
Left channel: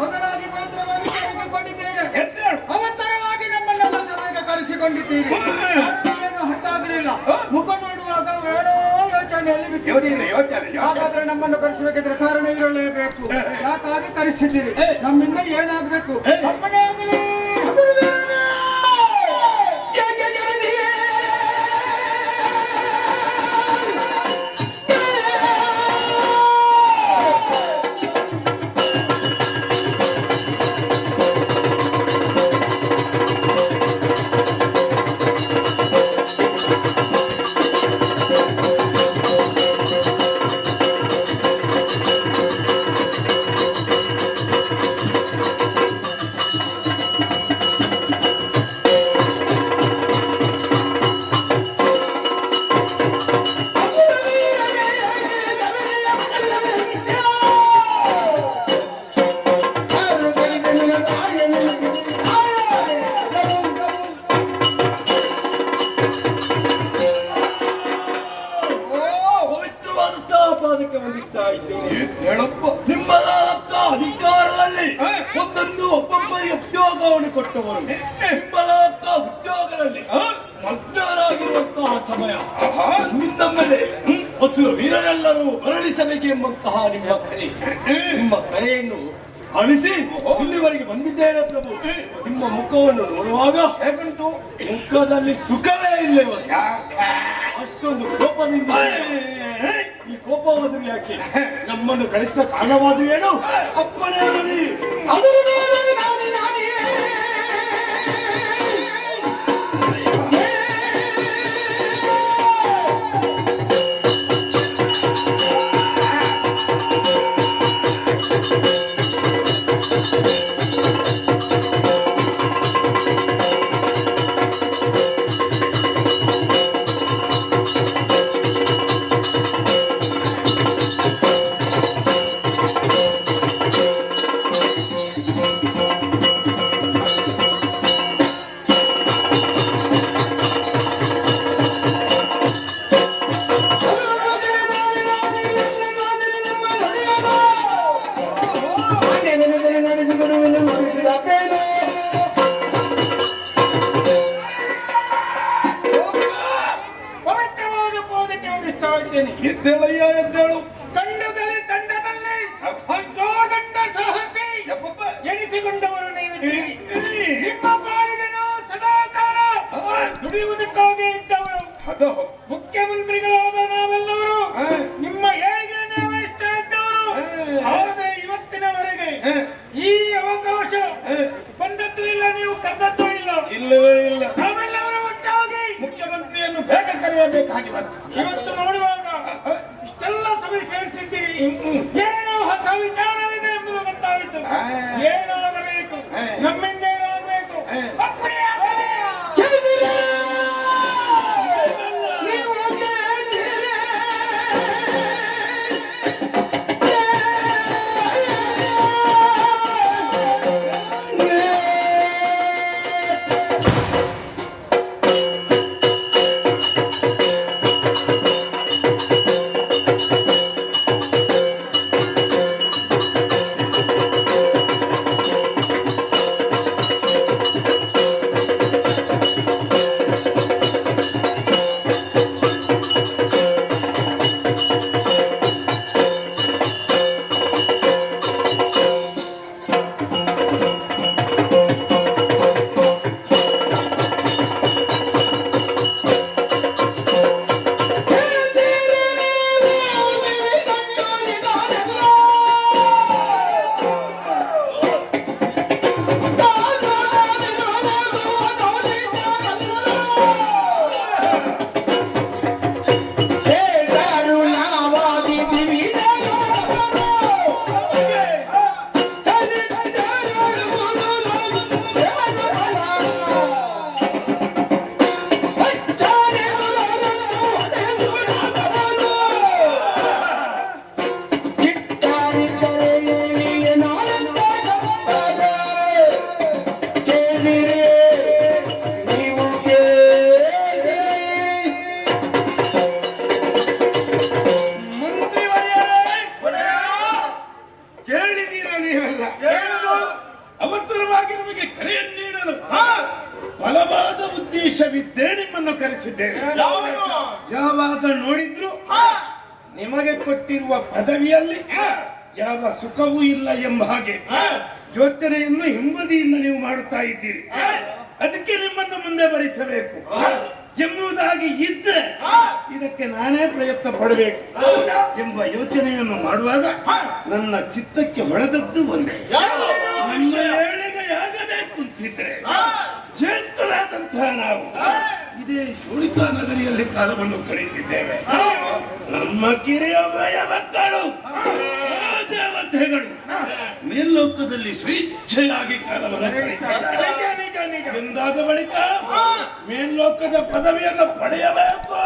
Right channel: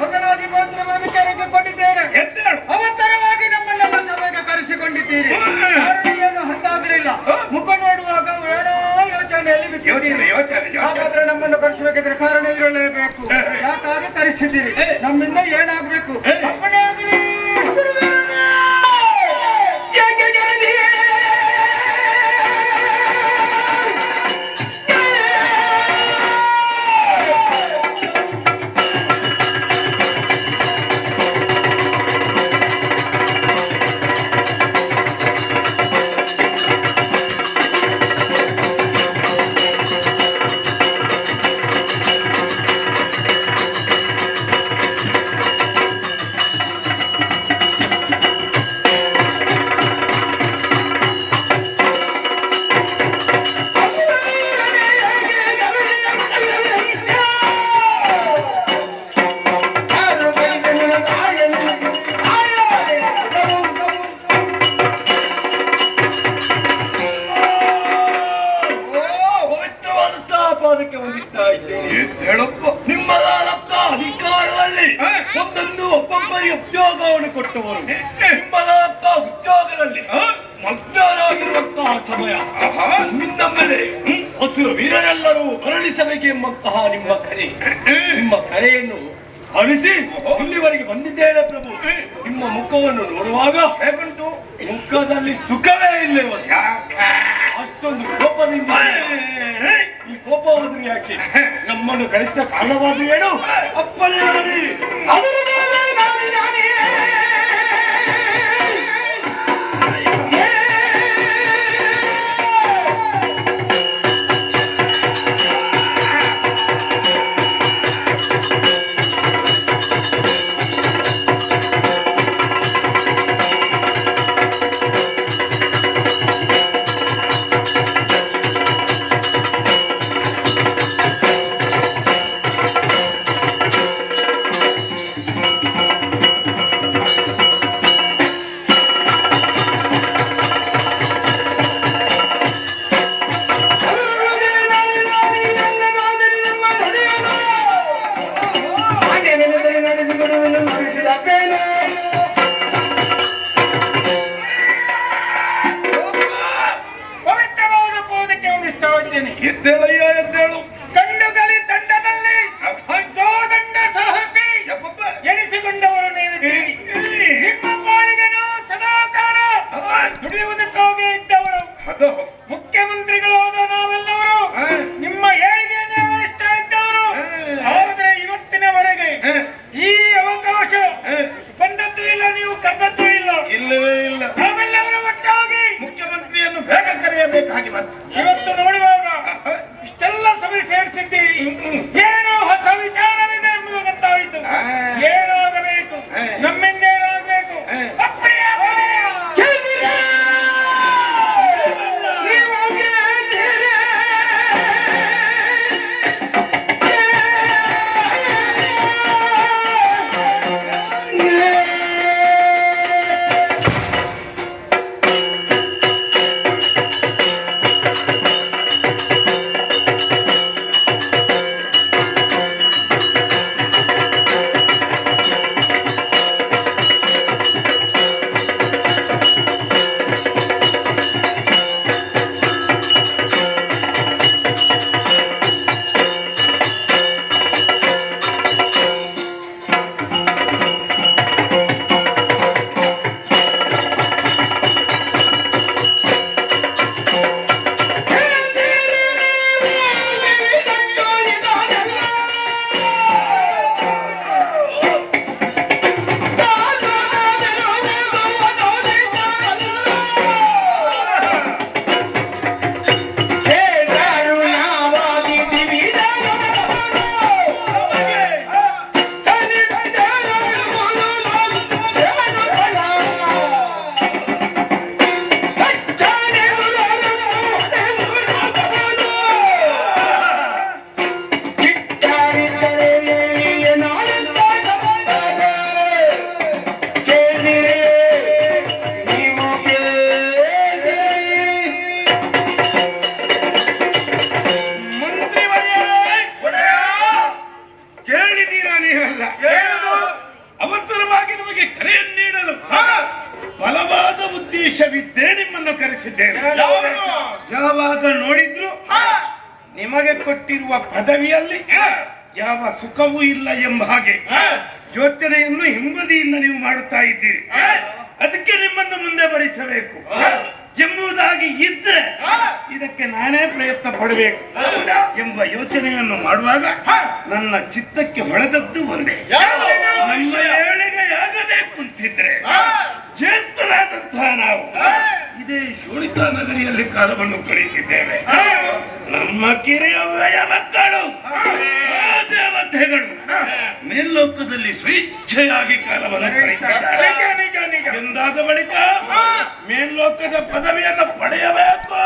ಮೊದಲಾಗಿ ಮಾತ್ರ ವಿಷಯಕ್ಕೆ ಕೊಟ್ಟಿದ್ದೇನೆ. ಎದ್ದೇಳು. ಅವಸರವಾಗಿ ನಮ್ಮನ್ನೆಲ್ಲ ಸಭೆಗೆ ಕರೆಸಿಕೊಂಡಿದ್ದೀರಿ. ಕಾರಣ ಏನು ಅರ್ಥ ಆಗಲಿಲ್ಲ. ಮುಖ ನೋಡುವಾಗ ಏನೋ ಯೋಚನೆಯಲ್ಲಿ ಬಿದ್ದಿದ್ದೀರಿ. ಹಾಗಾದ್ರೆ ನಮ್ಮನ್ನು ಕರೆಸಬೇಕಿದ್ರೆ ಕಾರಣ ಇರಲೇಬೇಕು. ಯಾಕಾಗಿ ಕರೆಸಿದ್ದೀರಿ? ನಮ್ಮಿಂದ ಏನಾಗಬೇಕು? ಅಪ್ಪಣೆ ಆಗಲಿ. ಪವಿತ್ರವಾದಂತಹ ಪಾದಕ್ಕೆ ವಂದಿಸ್ತಾ ಇದ್ದೇನೆ. ಎದ್ದೇಳಪ್ಪ. ನಿಮ್ಮದಾದಂತ ಅಧಿಕಾರದಲ್ಲಿ ಒಂದೊಂದು ಒಬ್ಬೊಬ್ಬರಿಗೆ ಉದ್ಯೋಗವನ್ನು ಕೊಟ್ಟವರು. ನಿಮ್ಮದಾದಂತ ಉದ್ಯೋಗದಲ್ಲಿ ಮಗ್ನರಾಗಿರುವಂತಹ ಸಮಯ ನಿಮ್ಮಿಂದ ಮೇಲೆ ಹಸಿರು ವೀರರೆಲ್ಲರೂ ಮರಳಿಸಬೇಕೆಂಬಂತಹ ನಿಮ್ಮ ಕರೆಯನ್ನು ಅಳಿಸಿ ಇಲ್ಲಿವರೆಗೆ ಬಂದಿದ್ದೇನೆ ಪ್ರಭು. ನಿಮ್ಮ ಮುಖವನ್ನು ನೋಡುವಾಗ ಹೇಗುಂಟು? ಮುಖದಲ್ಲಿ ಸುಖವೇ ಇಲ್ಲ. ಅಷ್ಟೊಂದು ಕೋಪದಿಂದ ಈ ಕೋಪ ಹೋದ್ರೆ ಯಾಕೆ? ನಮ್ಮನ್ನು ಕಳಿಸಿದ ಕಾರಣವಾದ್ರೂ ಏನು? ಅಪ್ಪಣೆ ಮಾಡಿ. ಪವಿತ್ರವಾದ ಪಾದಕ್ಕೆ ವಂದಿಸ್ತಾ ಇದ್ದೇನೆ. ಎದ್ದೇಳಯ್ಯ ಎದ್ದೇಳು. ಕಂಡುಗಲಿ ತಂಡದಲ್ಲಿ ದಂಡ ಸಾಹಸಿ ಎನಿಸಿಕೊಂಡವರು ನೀವು. ನಿಮ್ಮ ಪಾಲಿಗೆ ನಾವು ಸದಾಕಾಲ ದುಡಿಯುವುದಕ್ಕಾಗಿ ಇದ್ದವರು. ಮುಖ್ಯಮಂತ್ರಿಗಳಾದ ನಾವೆಲ್ಲವರು ನಿಮ್ಮ ಏಳಿಗೆಯನ್ನೇ ವಹಿಸ್ತಾ ಇದ್ದವರು. ಆದರೆ ಇವತ್ತಿನವರೆಗೆ ಈ ಅವಕಾಶ ಬಂದದ್ದು ಇಲ್ಲ, ನೀವು ಕದ್ದದ್ದು ಇಲ್ಲ. ಇಲ್ಲವೇ ಇಲ್ಲ. ನಾವೆಲ್ಲರೂ ಒಟ್ಟಾಗಿ ಮುಖ್ಯಮಂತ್ರಿಯನ್ನು ಬೇಗ ಕರೆಯಬೇಕಾಗಿ ಬಂತು. ಇವತ್ತು ನೋಡುವಾಗ ಇಷ್ಟೆಲ್ಲ ಸಭೆ ಸೇರಿಸಿದ್ದೀರಿ. ಏನೋ ಹೊಸ ವಿಚಾರವಿದೆ ಎಂಬುದು ಗೊತ್ತಾಯಿತು. ಏನಾಗಬೇಕು, ನಮ್ಮಿಂದೇನಾಗಬೇಕು? ಅಪ್ಪಣೆ ಆಗಲಿ. ಮರೆತಿದ್ದೀರಾ ನೀವಲ್ಲ. ಅವಸರವಾಗಿ ನಮಗೆ ಕರೆಯನ್ನು ನೀಡಲು ಬಲವಾದ ಉದ್ದೇಶವಿದ್ದೇ ನಿಮ್ಮನ್ನು ಕರೆಸಿದ್ದೇನೆ. ಯಾವಾಗ ನೋಡಿದ್ರು ನಿಮಗೆ ಕೊಟ್ಟಿರುವ ಪದವಿಯಲ್ಲಿ ಯಾವ ಸುಖವೂ ಇಲ್ಲ ಎಂಬ ಹಾಗೆ ಯೋಚನೆಯನ್ನು ಹಿಂಬದಿಯಿಂದ ನೀವು ಮಾಡುತ್ತಾ ಇದ್ದೀರಿ. ಅದಕ್ಕೆ ನಿಮ್ಮನ್ನು ಮುಂದೆ ಬರಿಸಬೇಕು ಎಂಬುದಾಗಿ ಇದ್ರೆ ಇದಕ್ಕೆ ನಾನೇ ಪ್ರಯತ್ನ ಪಡಬೇಕು ಎಂಬ ಯೋಚನೆಯನ್ನು ಮಾಡುವಾಗ ನನ್ನ ಚಿತ್ತಕ್ಕೆ ಹೊಳೆದದ್ದು ಒಂದೇ. ನಮ್ಮ ಏಳಿಗೆಯಾಗಬೇಕು ಅಂತಿದ್ರೆ ಜ್ಯೇಷ್ಠರಾದಂತಹ ನಾವು ಇದೇ ಶೋಣಿತಾ ನಗರಿಯಲ್ಲಿ ಕಾಲವನ್ನು ಕಳೆಯುತ್ತಿದ್ದೇವೆ. ನಮ್ಮ ಕಿರಿಯ ಮಕ್ಕಳು ದೇವತೆಗಳು ಮೇಲ್ಲೋಕದಲ್ಲಿ ಸ್ವೇಚ್ಛೆಯಾಗಿ ಕಾಲವನ್ನು ಕಳೆಯುತ್ತಾರೆ. ಎಂದಾದ ಬಳಿಕ ಮೇಲ್ಲೋಕದ ಪದವಿಯನ್ನು ಪಡೆಯಬೇಕು.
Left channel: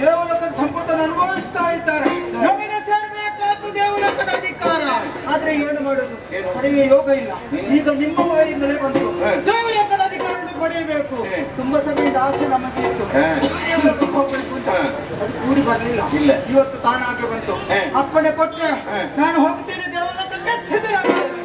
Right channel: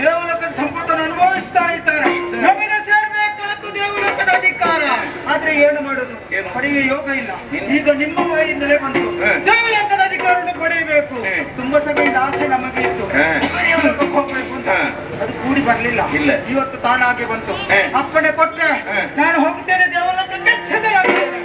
ದೇವಲೋಕದ ಸಂಪತ್ತನ್ನು ಅನುಭವಿಸ್ತಾ ಇದ್ದಾರೆ. ನಮಗೆ ಸೇರ್ಬೇಕಾದ್ದು ದೇವಲೋಕದ ಅಧಿಕಾರ. ಆದ್ರೆ ಏನು ಮಾಡೋದು, ಪಡೆಯುವ ಯೋಗ ಇಲ್ಲ. ಈಗ ನಿಮ್ಮ ಬಾಯಿಂದಲೇ ಬಂತು ದೇವಲೋಕದ ಅಧಿಕಾರವನ್ನು ಪಡೆಯಬೇಕು. ತುಂಬಾ ಸಮಯದ ಆಸೆ ನಮಗೆ ಇತ್ತು, ದೇವಲೋಕಕ್ಕೆ ಹೋಗ್ಬೇಕು ಅಂತ. ಅದು ಕೂಡಿ ಬರ್ಲಿಲ್ಲ. ಇವತ್ತು ತಾನಾಗೆ ಬಂತು. ಅಪ್ಪಣೆ ಕೊಟ್ರೆ ನಾನು ಹೋಗ್ತೇನೆ ದೇವಲೋಕಕ್ಕೆ, ಸಿದ್ಧರಾಗಿದ್ದೇನೆ.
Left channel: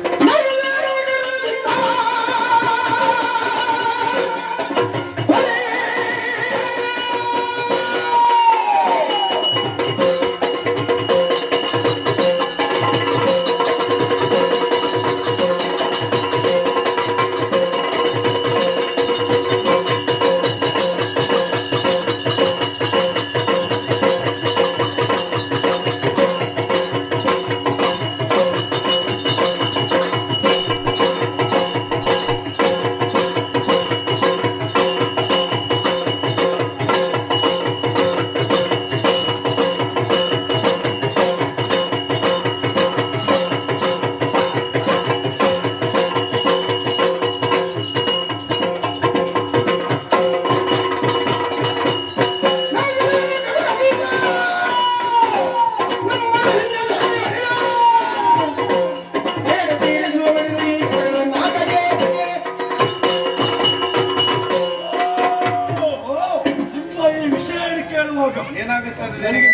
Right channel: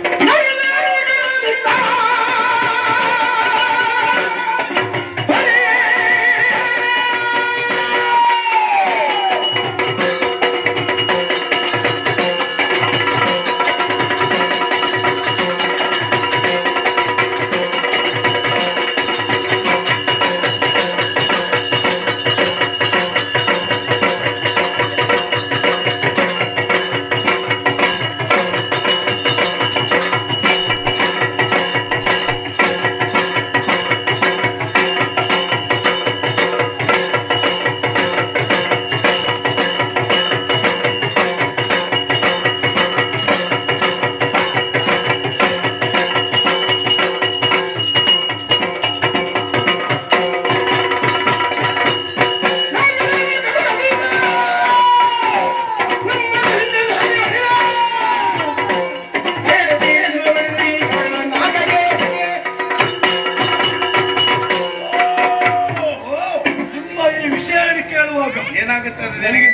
ಏನಾಗುತ್ತದೆ ನನಗೆ?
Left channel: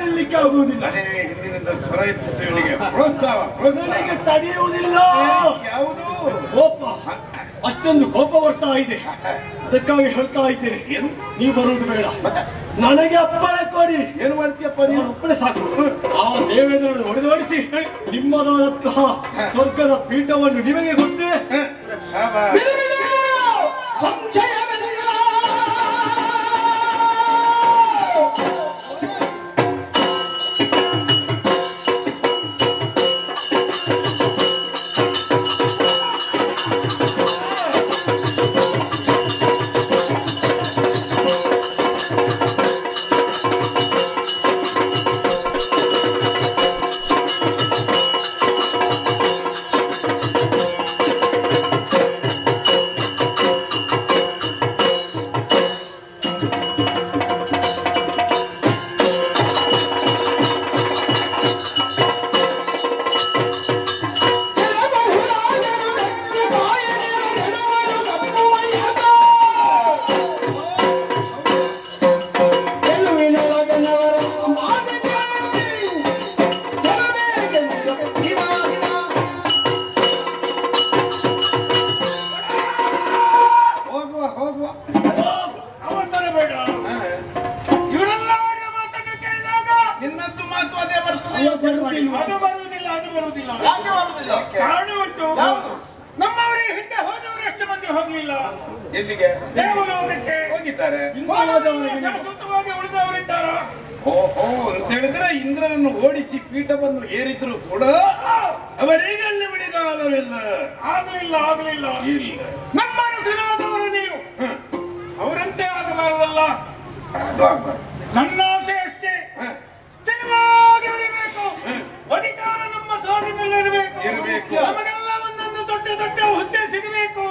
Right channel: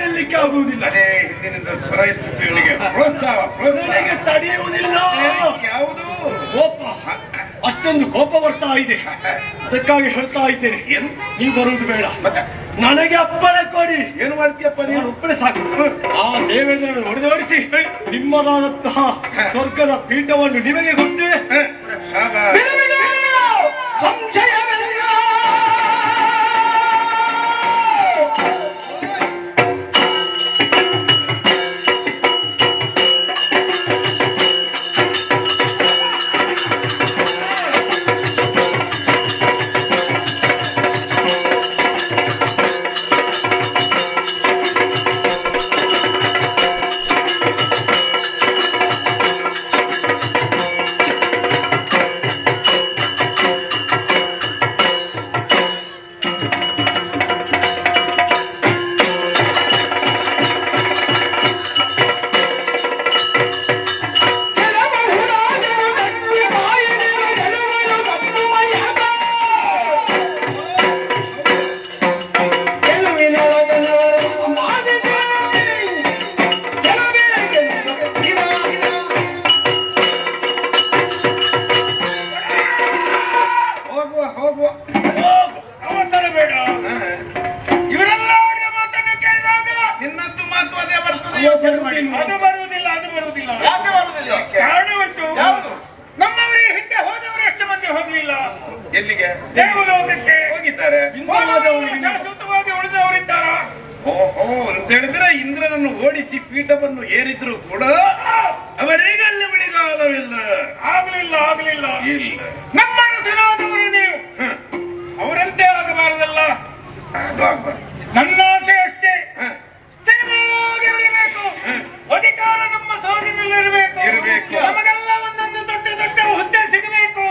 ನಿಲ್ಲಿಕ್ಕೆ ಆಗುವುದಿಲ್ಲ. ಅದೇ ಹಿಂದಿನಿಂದ ಸ್ವರ ಎತ್ತಿತ್ತು ಇವನಿಗೆ. ಪ್ರೋತ್ಸಾಹ ತಡೆಯುವುದಿಲ್ಲ. ಯಾವುದು ಕೋಪ, ಅಷ್ಟೊಂದು ಕೋಪ ಬರ್ತಾ ಇದೆ. ಅದಕ್ಕಾಗಿ ಹೇಳ್ತಾ ಇದ್ದೇನೆ, ನೀವು ಬರುವುದು ಬೇಡ. ನನಗೆ ಅಪ್ಪಣೆ ಕೊಡಿ. ಏನು ಮಾಡ್ತೀಯಪ್ಪ ನೀವು? ಅಪ್ಪಣೆ ಸಾಕು. ಆ ದೇವೇಂದ್ರನ್ನು ಹೊಡೆದೋಡಿಸಿ ನಿಮ್ಮದಾದಂತಹ ಸ್ವರ್ಗದ ಪೀಠವನ್ನು ನಿಮಗೆ ಕೊಟ್ಟೆ. ಸಂಶಯವಿಲ್ಲ. ಬರುವುದಿಲ್ಲ. ಅದು ಬರುವುದಿಲ್ಲ. ಯಾಕೆ ಬರುವುದಿಲ್ಲ? ಕಾರಣ ಉಂಟು. ಯಾವುದು? ನಮ್ಮವರೇ ಹಿಂದೆ ಹೋದವರು ಎಷ್ಟು ಮಂದಿ ಹೋಗಲಿಲ್ಲ ಎಲ್ಲಿಗೆ ದೇವಲೋಕಕ್ಕೆ ಹೋಗಿದ್ದಾರೆ? ಶಾಶ್ವತವಾಗಿ ಉಳಿದವರಿದ್ದಾರ. ಓಹೋ ಅಂತ ಹೇಳಿದ್ರೆ ಇಂದ್ರನನ್ನು ಓಡಿಸಿ ಪೀಠವನ್ನು ಏರಿದ್ರು ಕೂಡ ಅವರಿಗೆ ಅಲ್ಲಿ ಉಳಿಗಾಲವಿಲ್ಲ. ಆಗಲಿಲ್ಲ. ಇಲ್ಲ. ನಮ್ಮ ರಸನಾದವರು ನೀವು ಅವರಂತೆ ಆಗಬಾರದಲ್ಲ. ಅದು ಆಗ್ಬಾರ್ದು. ನನ್ನ ಆಸೆ ಅಷ್ಟೇ, ಸ್ಥಿರವಾಗಿ ಉಳಿಬೇಕು. ಅಧಿಕಾರ ನಮ್ಮ ಸ್ವಾಧೀನದಲ್ಲಿರಬೇಕು. ನಮಗೆಲ್ಲ ಒಂದೊಂದು ದೊಡ್ಡ ದೊಡ್ಡ ಹುದ್ದೆ ಸಿಗಬೇಕು.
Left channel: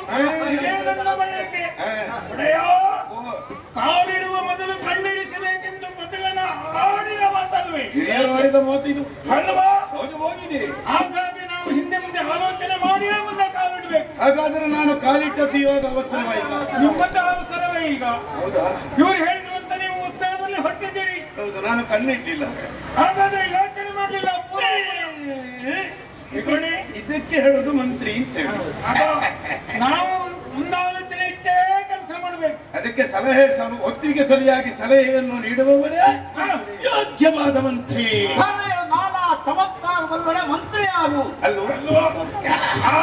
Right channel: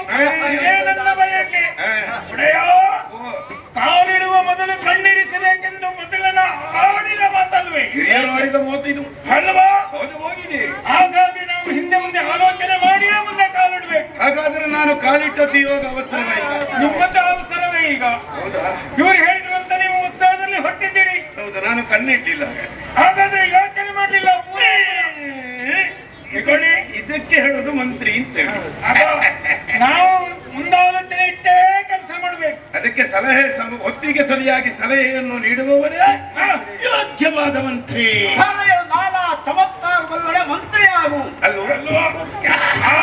ಇದೇ ನನ್ನ ಬಯಕೆ. ಒಡೆಯ ಕಾಲಿಡುವ ಮೊದಲು ಕಣ್ಣಿರಿಸಬೇಕೆಂದು ಮೊದಲನ ಆಡಿದ ಮಾತಲ್ವೇ? ಹಿರಿಯರು ಆಡಿದ ಮಾತು ಇದು ಅಲ್ವಾ? ಹೌದು, ಹೋಗಿದೆ. ಹಾಗಾಗಿ ನಾವು ಹಿಂದೆ ಮುಂದೆ ಆಲೋಚನೆ ಮಾಡಿಯೇ ಮುಂದೆ ಕಾಲಿಡಬೇಕು. ಹಾಗಾದ್ರೆ ನಾನು ಕಾಲಿಟ್ಟದ್ದು ಇವಾಗ ಅವಸರವಾಯ್ತಾ? ನಿಮ್ಮಂತ ಅವಸರವೇ ಈಗ. ಹೌದಾ? ಇವರು ಹೇಳಿದ್ರು ಅಂತ ನೀವು ಉತ್ಸವದಲ್ಲಿ ಹೊಟ್ಟಿದ್ದೀರಿ. ಹೌದು, ನಾನು ಕಣ್ಣಿಟ್ಟಿಲ್ಲ. ಹಾಗಾದ್ರೆ ಯೋಚನೆ ಮಾಡಲಿಲ್ಲ. ಇದಕ್ಕೆ ಹೇಳುದು ಮಂತ್ರಿ ಅಂತ ಹೇಳಿ. ನಾವು ಮುಂದಾಲೋಚನೆ ಇಟ್ಟೇ ಕೆಲಸ ಮಾಡಬೇಕು. ಅದಕ್ಕೆ ಸಲಹೆ ಹೊತ್ತಿಗೆ ಸರಿಯಾಗಿ ಸಲಹೆಯನ್ನು ನೀಡುವವರೇ ಯೋಗ್ಯವಾದ ಮಂತ್ರಿ. ನಾನಾ ಚಮತ್ಕಾರವಲ್ಲದೆ ಮಂತ್ರಿ ಆಗು ಅಲ್ವಾ? ಆ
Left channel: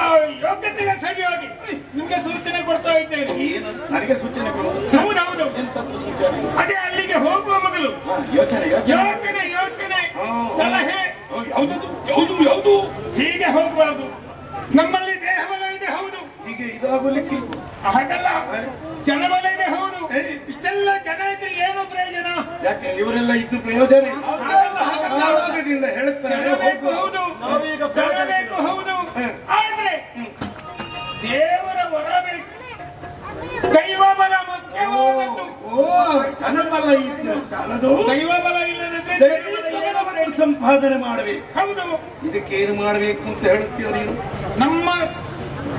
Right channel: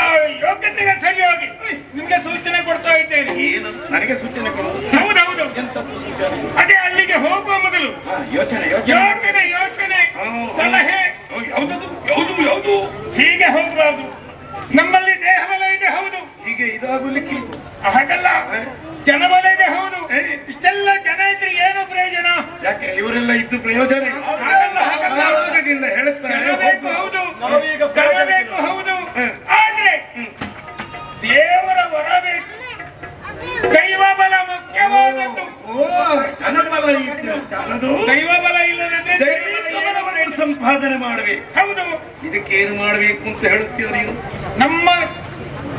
ಯೋಗ್ಯತೆಗೆ ಸರಿಯಾಗಿ ನಿಮ್ಗೆ ಸೂಚನೆ ಕೊಡ್ತಾ ಇದ್ದೇನೆ. ಏನು ನನಗೆ ಸೂಚನೆ ಕೊಡುವುದು? ಹೌದೌದು. ಅದೇ ಅಲ್ಲಿಗೆ ಹೋಗುವ ಮೊದಲು ಯೋಚನೆ ಸಲಹೆ ಯಾವುದು ಹೀಗೆ ಹೋಗಬಾರ್ದು. ನಮ್ಮಲ್ಲಿ ದೇಹಬಲ ಇದೆ, ಹೌದು. ಹೀಗೆ ಇದಾಗಲಿಕ್ಕೆ ಹಾಗಲ್ಲ, ಜನಬಲ ಇದೆ, ಹೌದು. ಇಷ್ಟೆಲ್ಲ ಜನ ಇದ್ರೆ ಏನು ಪ್ರಯೋಜನ? ಯಾಕೆ ಇವರೆಲ್ಲ ಇದ್ದು ಪ್ರಯೋಜನ ಹಾಗಲ್ಲ. ಹೇಳುತ್ತಾರೆ. ಹೌದು, ಬೇಕು, ಹೌದು. ಆದ್ರೆ ದೇವರ ವರ ಬೇಕು. ದೈವ ಬಲ ಮುಖ್ಯವಾದದ್ದು. ಜನಬಲ ಇತ್ತು ಅದು. ದೈವ ಬಲ ಇಲ್ಲದಿದ್ರೆ ದೈವಿಕವನ್ನು ಸಂಪಾದನೆ ಮಾಡಬೇಕು. ಹೌದು. ಇದಕ್ಕೆ ಏನು ಮಾಡಬೇಕು ಅಂತ ಹೇಳುತ್ತೀವ ನೀವು? ನಮ್ಮ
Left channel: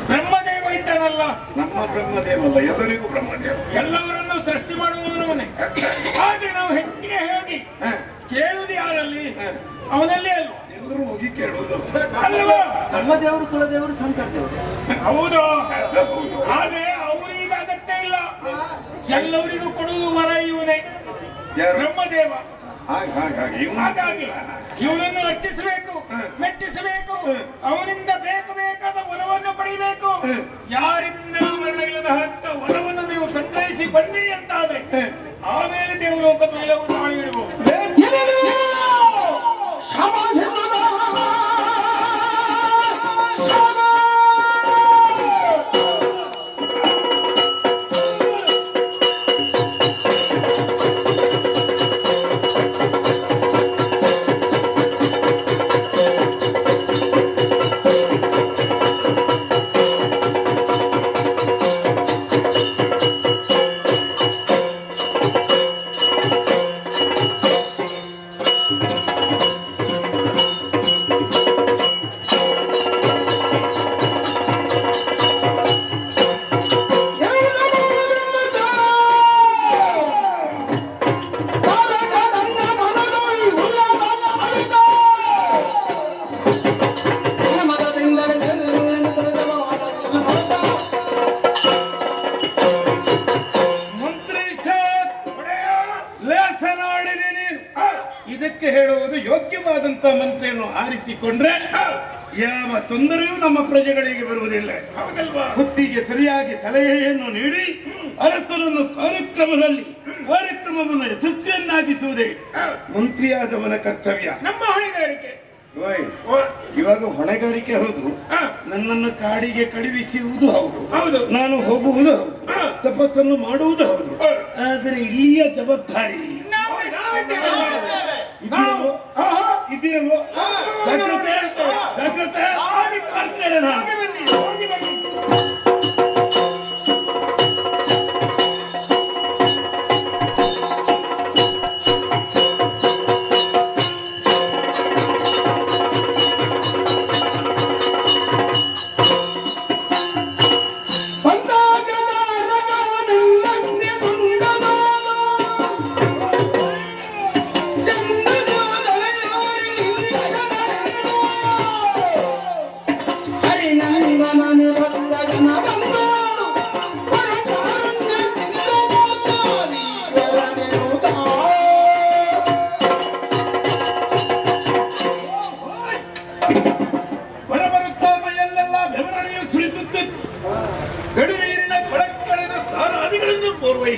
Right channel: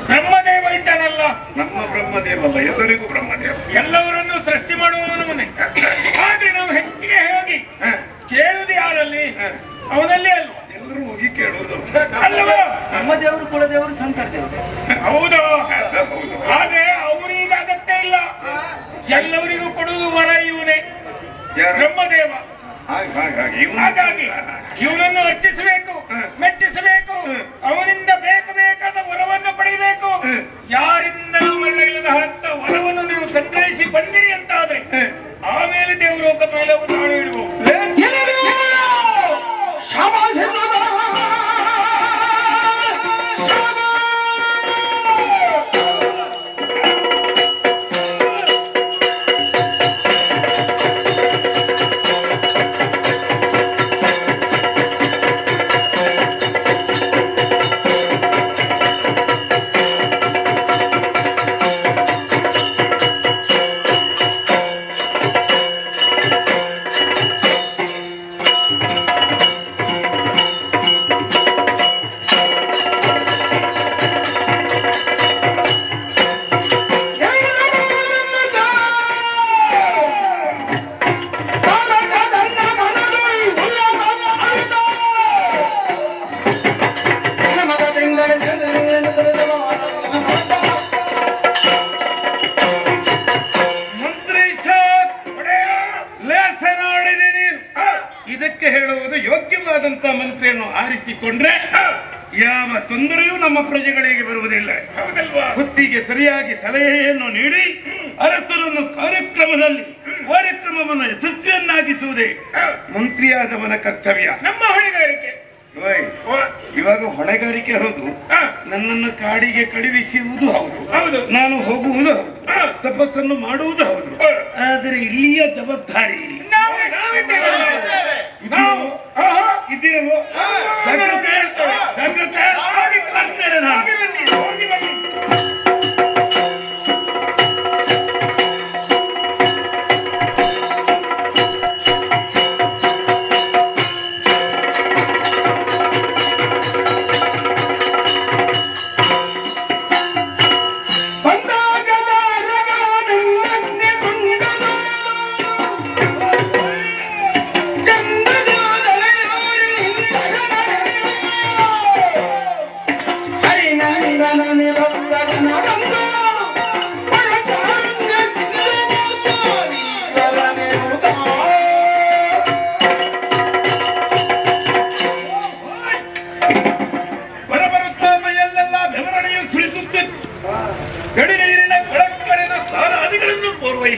ಬ್ರಹ್ಮದೇವ ಇದ್ದಾನಲ್ಲ, ನಮ್ಮ ಬ್ರಹ್ಮದೇವಲ್ಲ, ಎಲ್ಲರಿಗೂ ಬ್ರಹ್ಮದೇವ. ಎಲ್ಲವರನ್ನು ಸೃಷ್ಟಿ ಮಾಡುವವನೇ. ಆದ್ರೆ ನಾವು ಹೆಚ್ಚಿಗೆ ಹೋಗಿ ಕೇಳುವುದು ಯಾರಲ್ಲಿ? ಅವನಲ್ಲಿ ಅಲ್ವ? ಎಲ್ಲರೂ ಹೋಗಿ ಕೇಳುವುದು ಅಲ್ವಾ? ನಮ್ಮ ದೇವರು ಕುಲದೇವರು ಶಂಕರ ದೇವರು. ಹೌದು. ಆದ್ರೆ ಅವರಿಗೆ ಅಗತ್ಯ ಇಲ್ಲ. ಎಲ್ಲವರಿಗೂ ಕೊಡುವುದು ವರ ಇವನೇ, ಬ್ರಹ್ಮದೇವ. ಹಾಗಾಗಿ ಇವನನ್ನು ಅರ್ಚಿಸಬೇಕು, ಮೆಚ್ಚಿಸಬೇಕು. ಅವನಿಂದ ಬೇಕಾದ ವರವನ್ನು ಪಡೆಯಬೇಕು. ಯಾರಿಂದಲೂ ಮರಣ ಇಲ್ಲದ ಅಂತ ವರವನ್ನು ನೀವು ಸಂಗ್ರಹಿಸಿ ಬಂದಿರಿ ಅಂತ ಆದ್ರೆ ಆಮೇಲೆ ದೇವಲೋಕ ಮೇಲೆ ನಾಳೆ ಇಡಬಹುದು. ಇದಕ್ಕೆ ಹೇಳುವುದು ಯೋಗ್ಯವಾದಂತ ಮಂತ್ರಿಯನ್ನು ಆರಿಸಿಕೊಂಡ್ರೆ ಯಾವ ತೊಂದರೆಯೂ ನಮ್ಮ ಪ್ರಜೆಗಳಿಗೆ ಬರುವುದಿಲ್ಲ. ಹೊತ್ತಿಗೆ ಸರಿಯಾಗಿ ಸಲಹೆಯನ್ನು ನೀಡಿ ಅರಸನನ್ನು ಕಾರ್ಯಕ್ರಮವನ್ನು ಯಶಸ್ವಿಯನ್ನಾಗಿಸುವುದೇ ಮಂತ್ರಿಯಾದವನ ಕರ್ತವ್ಯ. ನಮ್ಮ ಹೊಣೆಗಾರಿಕೆ. ಇವಾಗ ಹೊಣೆಗಾರಿಕೆ ಹೌದು, ನನ್ನನ್ನು ಕಾಡಿಗೆ ಕಳುಹಿಸುವುದು ಹೌದು, ನಾನು ಹೋಗುವುದು ಹೌದು, ತಪಸ್ಸನ್ನು ಮಾಡುವುದು ಹೌದು. ಆದರೆ ಇಲ್ಲಿಯ ಜವಾಬ್ದಾರಿ ಇದ್ದಿರಲ್ವೋ? ಜಾಗ್ರತೆ ಮಾಡ್ತೇನೆ ನಾನು. ಹರಿ ನನ್ನ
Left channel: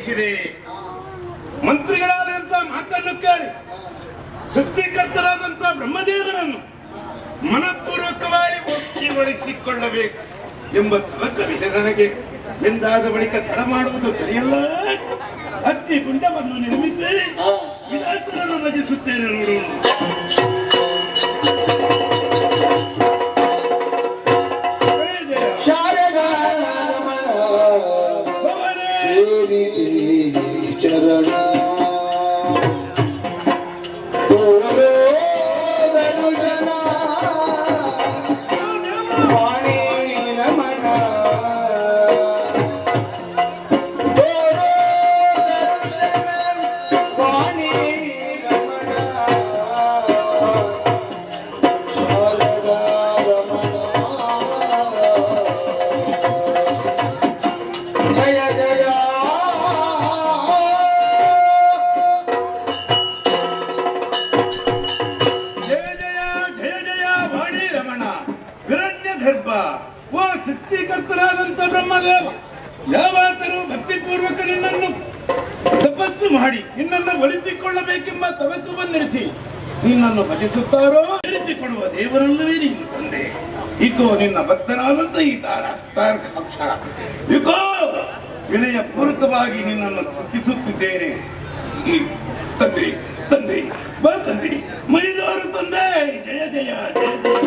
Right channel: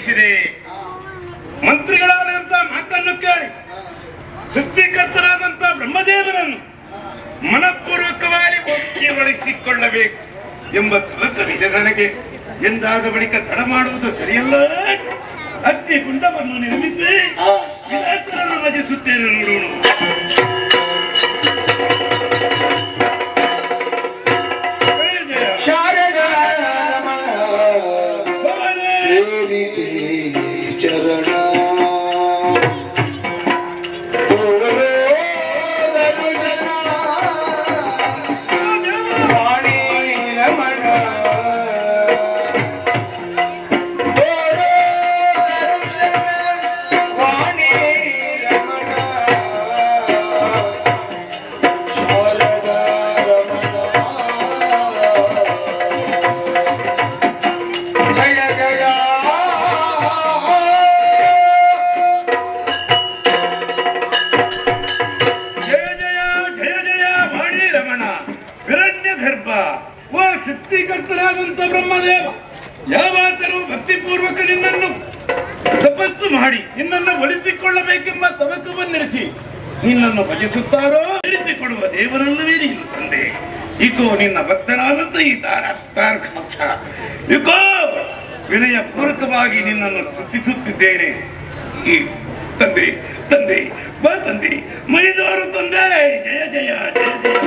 ವಹಿಸಿದೆ. ಮಂತ್ರಿಗಳಾದಂತ ಮಾತನ್ನು ಕೇಳಿ ಸೃಷ್ಟಿಕರ್ತರಾದಂತ ಬ್ರಹ್ಮದೇವರನ್ನು ಮನಪೂರ್ವಕವಾಗಿ ಒಪ್ಪಿಕೊಳ್ಳಬೇಕು ಎಂಬ ತಲಕವಿದೆ ನನಗೆ. ಎಂದಾದ ಬಳಿಕ ತಡ ಮಾಡುವುದು ಸರಿಯಲ್ಲ. ಅಗ್ನಿ ಗುಂಡವನ್ನು ನಿರ್ಮಿಸಿ ವಿಲಾಸವನ್ನು ಭಜಿಸುತ್ತೇನೆ ನೋಡೋಣ. ಚರಣ ಓ ಸೃಷ್ಟಿಕರ್ತರಾದಂತ ಬ್ರಹ್ಮದೇವ, ಯಾವಾತರೂ ಭಕ್ತಿಪೂರ್ವಕ ನಿನ್ನನ್ನು ತಪಸ್ಸು ಮಾಡಿ ನಿನ್ನನ್ನು ಒಲಿಸಿಕೊಳ್ಳಬೇಕೆಂಬ ತವಕವನ್ನಿರಿಸಿ ನಿನ್ನನ್ನು ಭಜಿಸುತ್ತಾರೋ ಇರಿಸಿಕೊಡುವ ದೇವರಲ್ಲವೇ ನೀನು ತಂದೆ. ಇಕೋ ನಿನ್ನ ಭಕ್ತರಾದಂತ ಈ ಇಕೋ ವಿನಯ ಪೂರ್ವಕವಾಗಿ ನಿನ್ನನ್ನು ಸ್ತುತಿಸುತ್ತಿದ್ದೇನೆ. ಈ ತಂದೆ ತಂದೆ ಬಾ ತಂದೆ, ಮೈದೂರು ತಂದೆ, ಜಯ ಜಯ ಜಯ ಜಯ.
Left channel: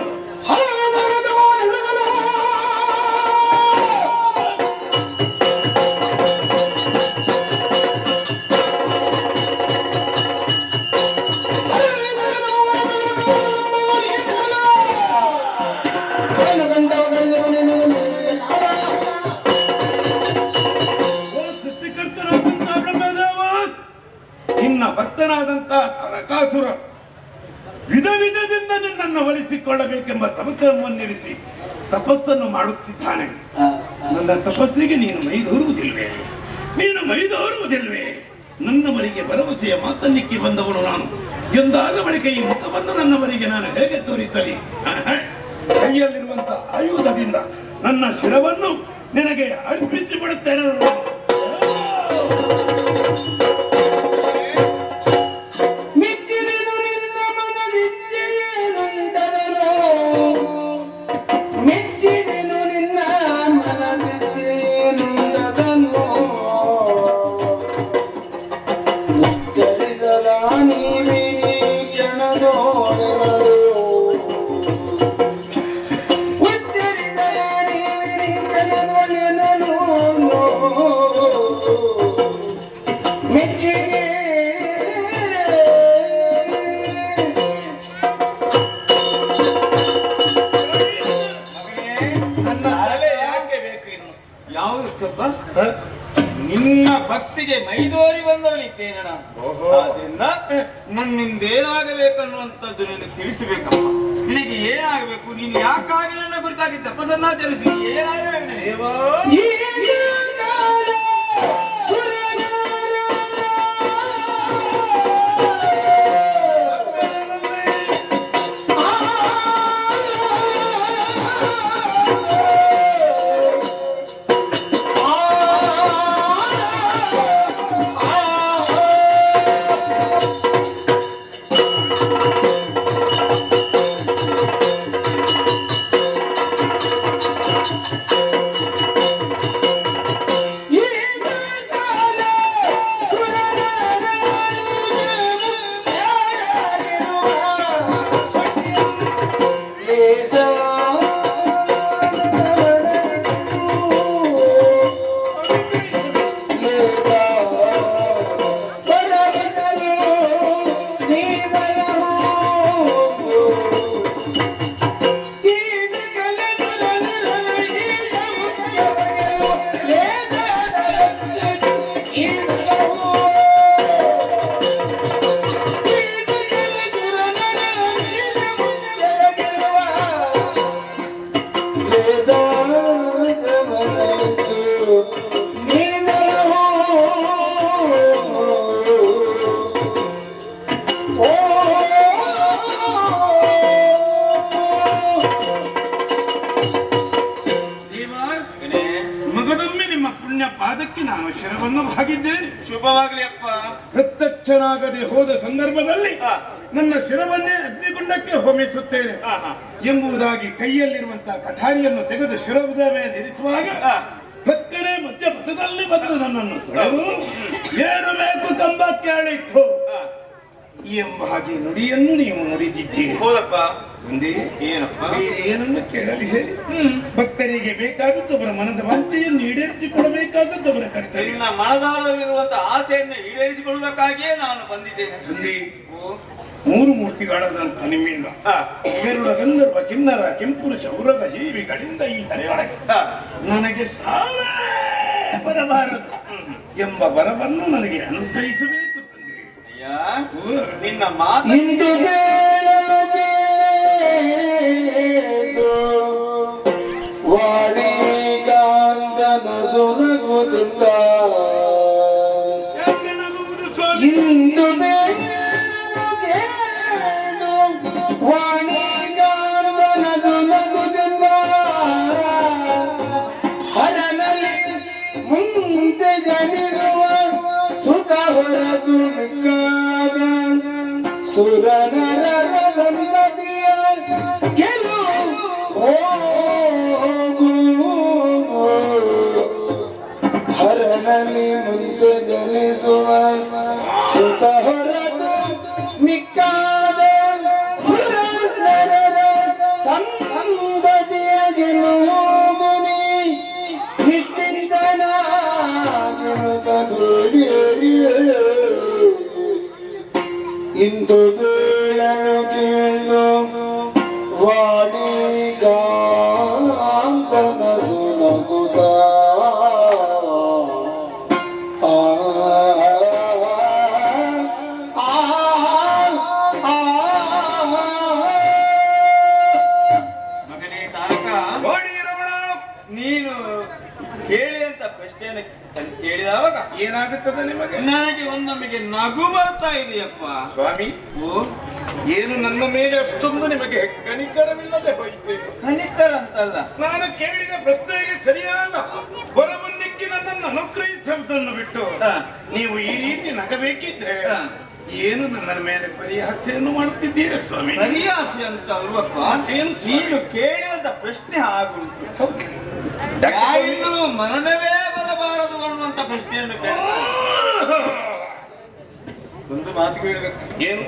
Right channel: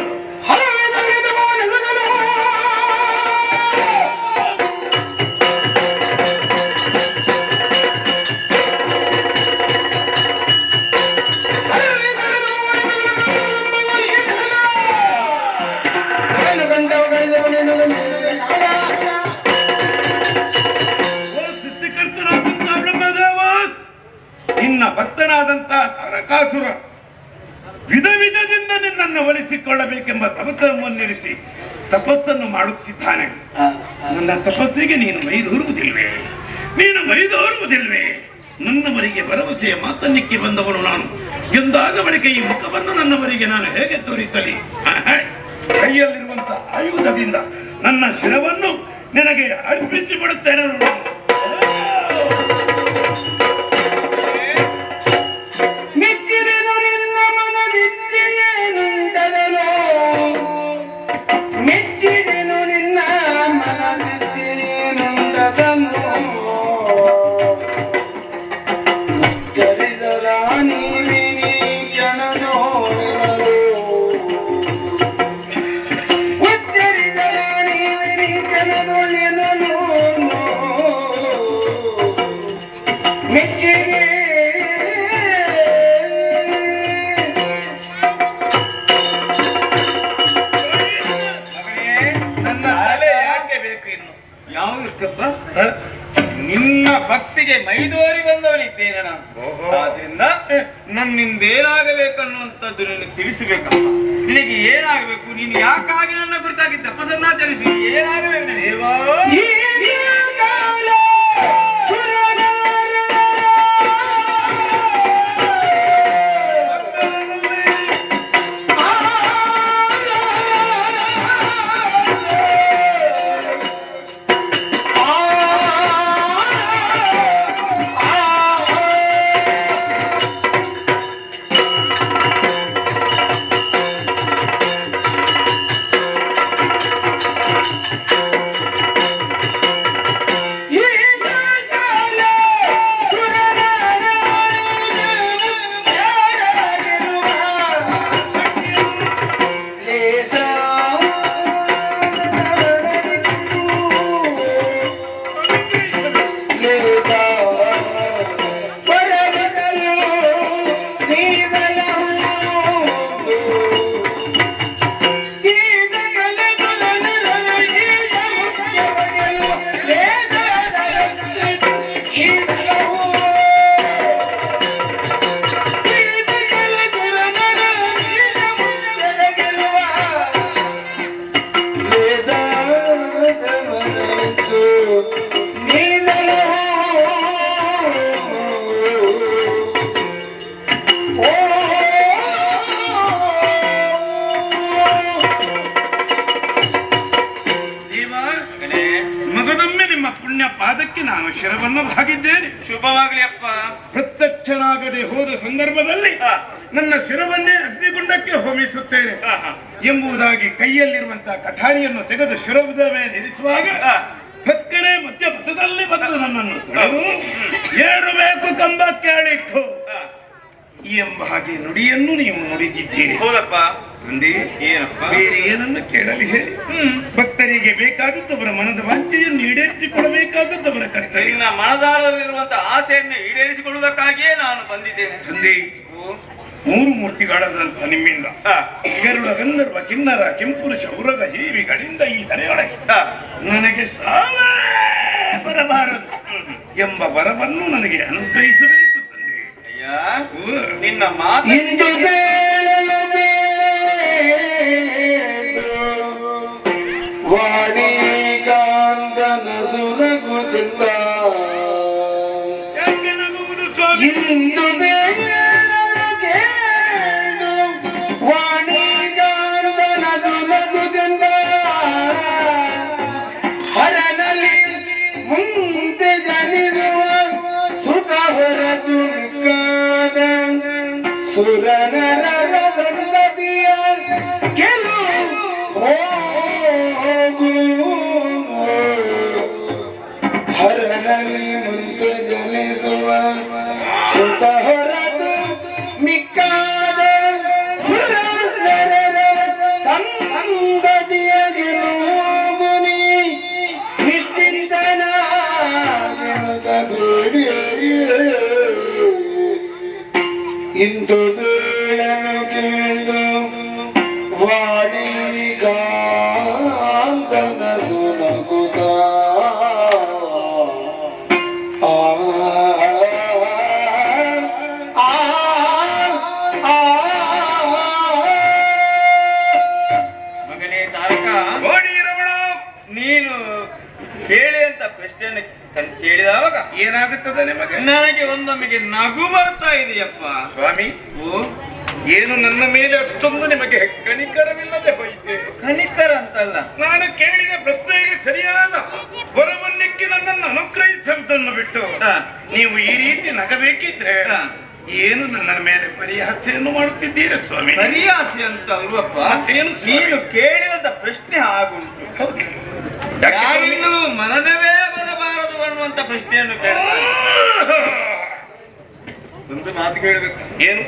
ಸೃಷ್ಟಿಕರ್ತನಾದಂತ ಬ್ರಹ್ಮದೇವ, ನಿನ್ನ ಭಕ್ತನಾದಂತ ತಾರಕಾಸುರ ವಿಧ ವಿಧದಿಂದ ನಿನ್ನನ್ನು ಒಲಿಸಿಕೊಳ್ಳಬೇಕೆಂಬ ತವಕವನ್ನಿರಿಸಿ ತಪಸ್ಸನ್ನು ಮಾಡುತ್ತಿದ್ದಾನೆ. ನನ್ನ ತಪಸ್ಸಿಗೆ ನೀನು ಮೈದೂರುವುದಿಲ್ವೇ? ನೀನು ಮೈದೂರುವುದಿಲ್ವೇ? ನನ್ನವರಿಗೆ ಭರವಸೆಯ ಮಾತನ್ನಿಕ್ಕೆ ಬಂದವನು ನಾನು. ಎಂದಾದ ಬಳಿಕ ಈ ಮುಖವನ್ನು ನನ್ನವರಿಗೆ ನಾನು ಹೇಗೆ ತೋರಿಸಲಿ? ಕೈಯಲ್ಲಿರುವಂತ ಆಯುಧದಿಂದ ನನ್ನ ಶಿರವನ್ನು ನಿನಗೆ ಅರ್ಪಿಸಿ ಬಿಡುತ್ತೇನೆ. ನಿನ್ನ ಭಕ್ತಿಗೆ ಮೈದೋರಿ ಬಂದವನಿದ್ದೇನೆ ನಾನು. ಆದ್ರಿಂದ ನನ್ನಿಂದೇನಾಗಬೇಕನ್ನುವಂಥದ್ದು ನಿನಗೆ ತಿಳಿಸಬೇಕಪ್ಪ. ನಿನಗೆ ಏನಾಗಬೇಕು? ನೀನು ಯಾಕಾಗಿ ನನ್ನ ಕುರಿತಾಗಿ ತಪಸ್ಸನ್ನಾಚರಿಸಿ ಏನಾಗಬೇಕು? ಪಾದಕ್ಕೆ ನಾನು ಶಿರವನ್ನು ಭಾಗಿದ್ದೇನೆ. ಶುಭವಾಗ್ಲಿ ಅಪ್ಪ. ಪ್ರತ್ಯಕ್ಷನಾಗದೆ ಹೋದ ಸಂದರ್ಭದಲ್ಲಿ ನನ್ನ ಶಿರವನ್ನೇ ಅಗ್ನಿಗುಂಡಕ್ಕೆ ಹೋಮಿಸುತ್ತೇನೆ ಎಂಬುದಾಗಿ ಕೈಯಲ್ಲಿರುವಂತಹ ಕಠಾರಿಯನ್ನು ತೆಗೆದು ಶಿರದ ಮೇಲೆ ಇರಿಸುವಾಗ ಭಕ್ಕನೆ ಮಧ್ಯಪಥದಲ್ಲಿ ಬಂದು ನನ್ನನ್ನು ತಡೆದು ಏಳಬೇಕು ಕಂಬ ಕೇಳಿತ್ತು ಎಂಬ ಹಾಗೆ ನುಡಿಯನ್ನು ನೀವು ನುಡಿದಿದ್ದೀರಿ. ಹೌದಪ್ಪ. ತಂದೆ, ಏನಪ್ಪ? ಬೇರೆ ಏನನ್ನು ಕೇಳಲಿ ಹೇಳಿ? ಭಕ್ತರಿಗೆ ಬೇಕಾದದ್ದು ಅವರ ಮನದ ವಾಂಛೆಯನ್ನು ಈಡೇರಿಸಿಕೊಡಬೇಕಾದದ್ದು ಅವರ ಕರ್ತವ್ಯ. ನಿನ್ನ ಮನದಾಳದಲ್ಲಿರುವಂತಹ ಆಸೆಯನ್ನು ಈಡೇರಿಸಿಕೊಳ್ಳುವುದಕ್ಕಾಗಿಯೇ ನಾನು ಬಂದಿದ್ದೇನೆ. ತಂದೆ, ಮೂರು ಮೂರ್ತಿಗಳಾದಂಥ ನಿಮ್ಮಿಂದ ಗರುಡ, ಗಂಧರ್ವ, ಕಿನ್ನರ, ಕೆಂಪುರುಷ, ಉರಗ ಜೀವಿಗಳಿಂದ ಈ ತಲೆಯೊಳಗೆ ನನಗೆ ಸಾವೇ ಬರಬಾರದು ಎಂಬ ವರವನ್ನು ನನಗೆ ಅನುಗ್ರಹಿಸಬೇಕು ತಂದೆ. ಅಯ್ಯ, ನಿನ್ನ ಮಾತು ವಾಣಿಗಾಂಧನ ಸುನಗುತ್ತಿದ್ದ ಯಾಕೆ ನಗುವುದು ಸ್ವಾಮಿ? ಇಂದು ವಾಣಿಗಾಂಧನ ಸುನಗುತ್ತಿದ್ದ ಹರನಲ್ಲಿ ಮುಂದೆ ಜನಿಸುವ ಸುತ ಹೊರತು ನಿಕ್ಕಾದ ಸುರನರ ಸಂಗತಿಯ ಗೆಲುವು ಹರನಲ್ಲಿ ಮುಂದೆ ಜನಿಸುವ ಸುತ ಹೊರತು ಮಿಕ್ಕಾದ ಸುರನರ ಸಂಗತಿಯ ಗೆಲುವುಗುನಿ ನಿಶ್ಚಿಂತನ ಬೇಡಿ ಇಂದು ಬೀಳಲು ಕೇಳು ವಾಣಿಗಾಂಧನ ಸುನಗುತ್ತ ಮಗನೇ ತಾರಕ, ನೋಡಿ ರಮಣ, ನೀನು ಕೇಳಿ ಅಂತ ಪ್ರಶ್ನೆಯನ್ನು ಕೇಳಿದವಾಗ ಏನಾಗುತ್ತದೆ ನಿಮಗೆ? ನನಗೆ ಒಂದೊಮ್ಮೆಗೆ ನಗು ಬರ್ತಾ ಇದೆಯಪ್ಪ. ಸ್ವಾಮಿ, ಓ, ಏನು ನನ್ನ ಮೇಲೆ ಅಷ್ಟೊಂದು ನಿಮಗೆ ಕನಿಕರವಿಲ್ಲದೆ ಹೋಯಿತೆ? ಕನಿಕರ ಅಂತಲ್ಲ, ನಾನು ಕೇಳಿದ ಪ್ರಶ್ನೆಗೆ ಸರಿಯಾದ ವರವನ್ನಿಕ್ಕಿ ನನ್ನನ್ನು ಅನುಗ್ರಹಿಸುವುದನ್ನು ಬಿಟ್ಟು ನೀವು ಈ ರೀತಿ ನಗಬೇಕಿದ್ರೆ ಏನು ನನ್ನ ಮೇಲೆ ಪರಿಹಾಸ್ಯನ್ನು ಮಾಡುತ್ತಿದ್ದೀರಾ ಸ್ವಾಮಿ? ಹರಿಯಾಸಿ ಅಂತ ಅಲ್ವಪ್ಪ. ಮತ್ತೇನು ಸ್ವಾಮಿ? ನೀನು ಕೇಳಿದಂತ ಪ್ರಶ್ನೆ ಆಗುಂಟು. ಹೌದು. ಯಾಕೆ ಸ್ವಾಮಿ? ಯಾರಿಂದಲೂ ಮರಣವೇ ಬರಬಾರದು ಅನ್ನುವಂತ ಪ್ರಶ್ನೆಯನ್ನು ಕೇಳ ಒಂದು ಮಾತು ಕೇಳಬೇಕು. ಏನು?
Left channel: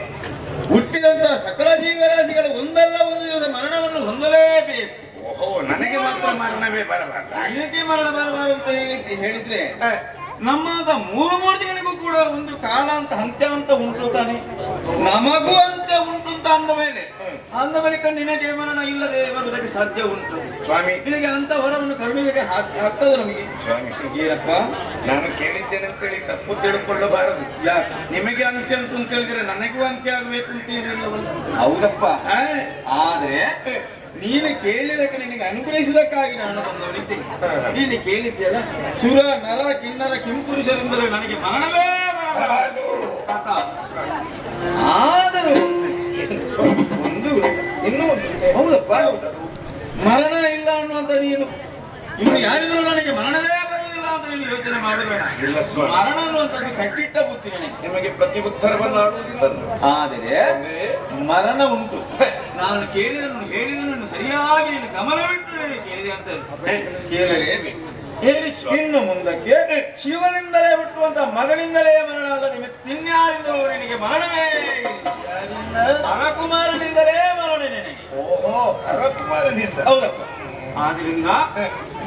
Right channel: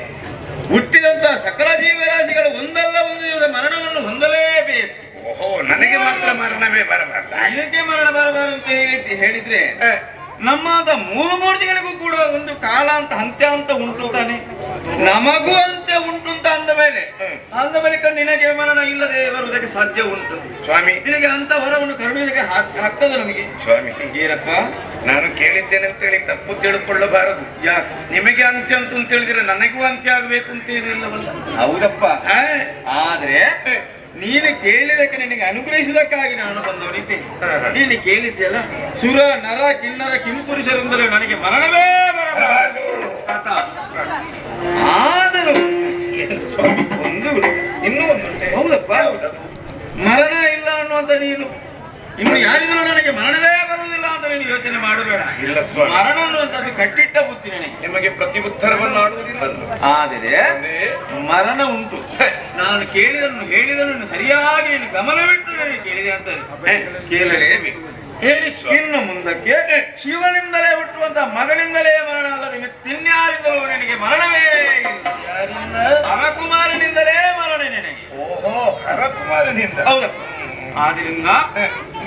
ಹುಟ್ಟಿದಂತ ಸಕಲ ಜೀವರಾಶಿಗಳು ಒಂದಲ್ಲ ಒಂದು ದಿವಸ ಮರಣವನ್ನು ಹೊಂದಲೇಬೇಕು. ಓಹೋ, ನನಗೆ ಮಾತ್ರ ಮರಣವೇ ಬರಬಾರದು. ಇದಕ್ಕೆ ಮರಣ ಬರಬಾರದು ಅಂತ ಹೇಳಿದ್ರೆ ನಮ್ಮಂತ ಮೂರು ಮೂರ್ತಿಗಳಿಗೂ ಕೂಡ ಒಂದು ಕಾಲ ಅಂತ ಅಂತ್ಯ ಅಂತ ಉಂಟು ತಾನೆ. ನಮಗೂ ಅಂತ್ಯ ಉಂಟು ಅಂತ ಅಂದ ಮೇಲೆ ನಿನಗೆ ಮರಣ ಇಲ್ಲದೆ ಬರುವುದಕ್ಕೆ ಸಾಧ್ಯ ಉಂಟು ಸ್ವಾಮಿ. ನಿನಗೆ ಅಂತ ವರವನ್ನು ಕರುಣುವುದಕ್ಕೆ ಆಗ್ತದೆ ನಮಗೆ. ಸ್ವಾಮಿ, ಏನಪ್ಪ? ನಾನು ಕೇಳಿದ್ದೇನೆ ಅಂತ ಹೇಳಿ ತಪ್ಪು ತಿಳ್ಕೊಳ್ಳಬಾರದು. ಯಾಕೆ? ನಿಮಗೆ ಅಂತ್ಯ ಅಂತ ಹೇಳಿದ್ರೆ ನನಗೂ ಅಂತ್ಯ ಆಗ್ಬೇಕು ಅಂತ ಏನಿಲ್ಲವಲ್ಲ. ಹೌದಪ್ಪ. ಆ? ಆದ್ರೆ ನೀನು ಕೇಳಿದಕ್ಕೆ ನಿನಗೆ ಅನುಗ್ರಹಿಸುವುದಕ್ಕಾಗಿ ನಾನು ಬಂದವನಿದ್ದೇನೆ. ನೀನು ಕೇಳಿದ್ಯಲ್ಲ, ಸುರ ನರ ಕಿನ್ನರ ಕಿಂಪುರುಷರಿಂದಲೇ ನನಗೆ ಮರಣವೇ ಬರಬಾರದು. ಆದರೂ ಒಂದು ಇನ್ನೂ ಒಂದು ಹೌದಪ್ಪ, ಮರಣ ಇಲ್ಲ ಅನ್ನುವಂತ ನೀನು ಇನ್ನು ಯಾರಿದ್ರು ನನಗೆ ಮರಣವೇ ಬರುವುದಿಲ್ಲ ಅಂತ ನೀನು ಯೋಚನೆ ಮಾಡಬೇಡ. ಇಲ್ಲ ಸ್ವಾಮಿ, ಮರಣ ಅನ್ನುವಂಥದ್ದು ಕಟ್ಟಿಟ್ಟ ಬುತ್ತಿ ನನಗೆ. ನಿಮಗೆ ಪ್ರತಿ ಉತ್ತರವನ್ನು ಆಡುವುದಿಲ್ಲ. ಆದರೆ ಮರಣ ಉಂಟು. ನಾನು ಹೇಳಿದನ್ನು ಸರಿಯಾಗಿ ನೀನು ಗಮನವಿಟ್ಟು ನನಗೆ ಕೇಳಿದೆ ಅಂತ ಕೇಳಲೇಬೇಕು. ಹೇಳಿ ಸ್ವಾಮಿ. ಇನ್ನು ಮುಂದಕ್ಕೆ ಶಿವನಿಂದಲೇ ಹುಟ್ಟುವಂತ ಮಗನಿಂದಲೇ ಮರಣ ಅಲ್ಲದೆ ಮತ್ತಿನ್ಯಾರಿಂದಲೂ ನಿನಗೆ ಮರಣವೇ ಇಲ್ಲ. ಹರಕುಮಾರನಿಂದಲೇ ಮರಣ ನಿನಗೆ. ಓಹೋ, ಹರಕುಮಾರನಿಂದ. ಹೌದಪ್ಪ. ಆದ್ರಿಂದ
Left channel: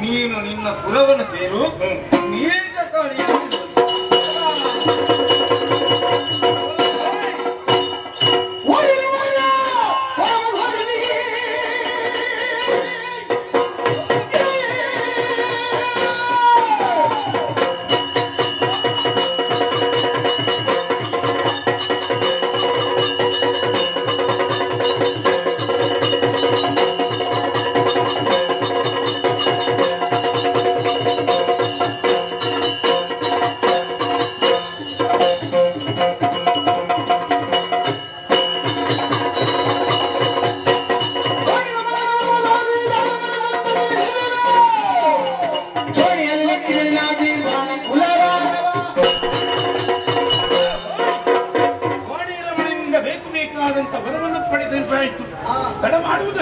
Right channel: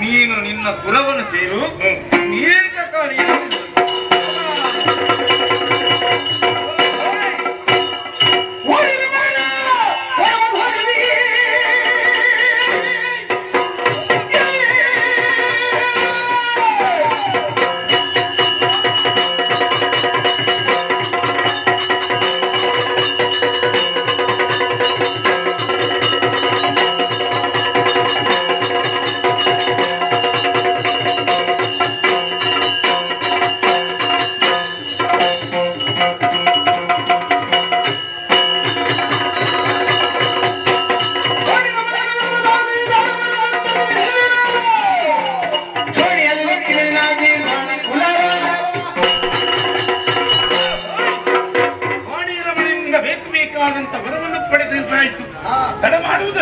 ನೀನು ನಿನ್ನ ಕುಲವನ್ನು ಸೇರು. ದೀರ್ಘಕಾಲಿಯಾಗಿ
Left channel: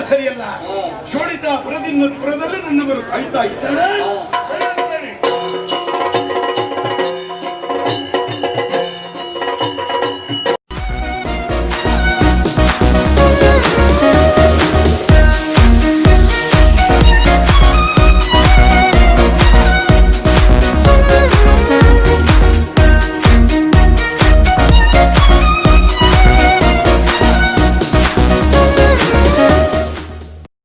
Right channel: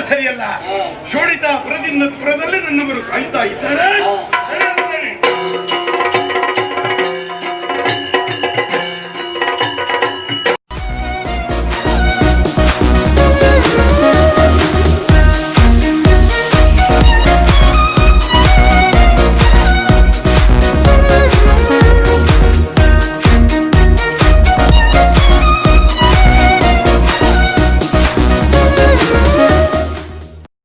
ಸರಿಯಲ್ಲ. ಶೋಣಿತಾಪುರದಿಂದ ಪುರದಲ್ಲಿ ನನ್ನವರು ಕಾಯ್ತಾ ಇದ್ದಾರೆ.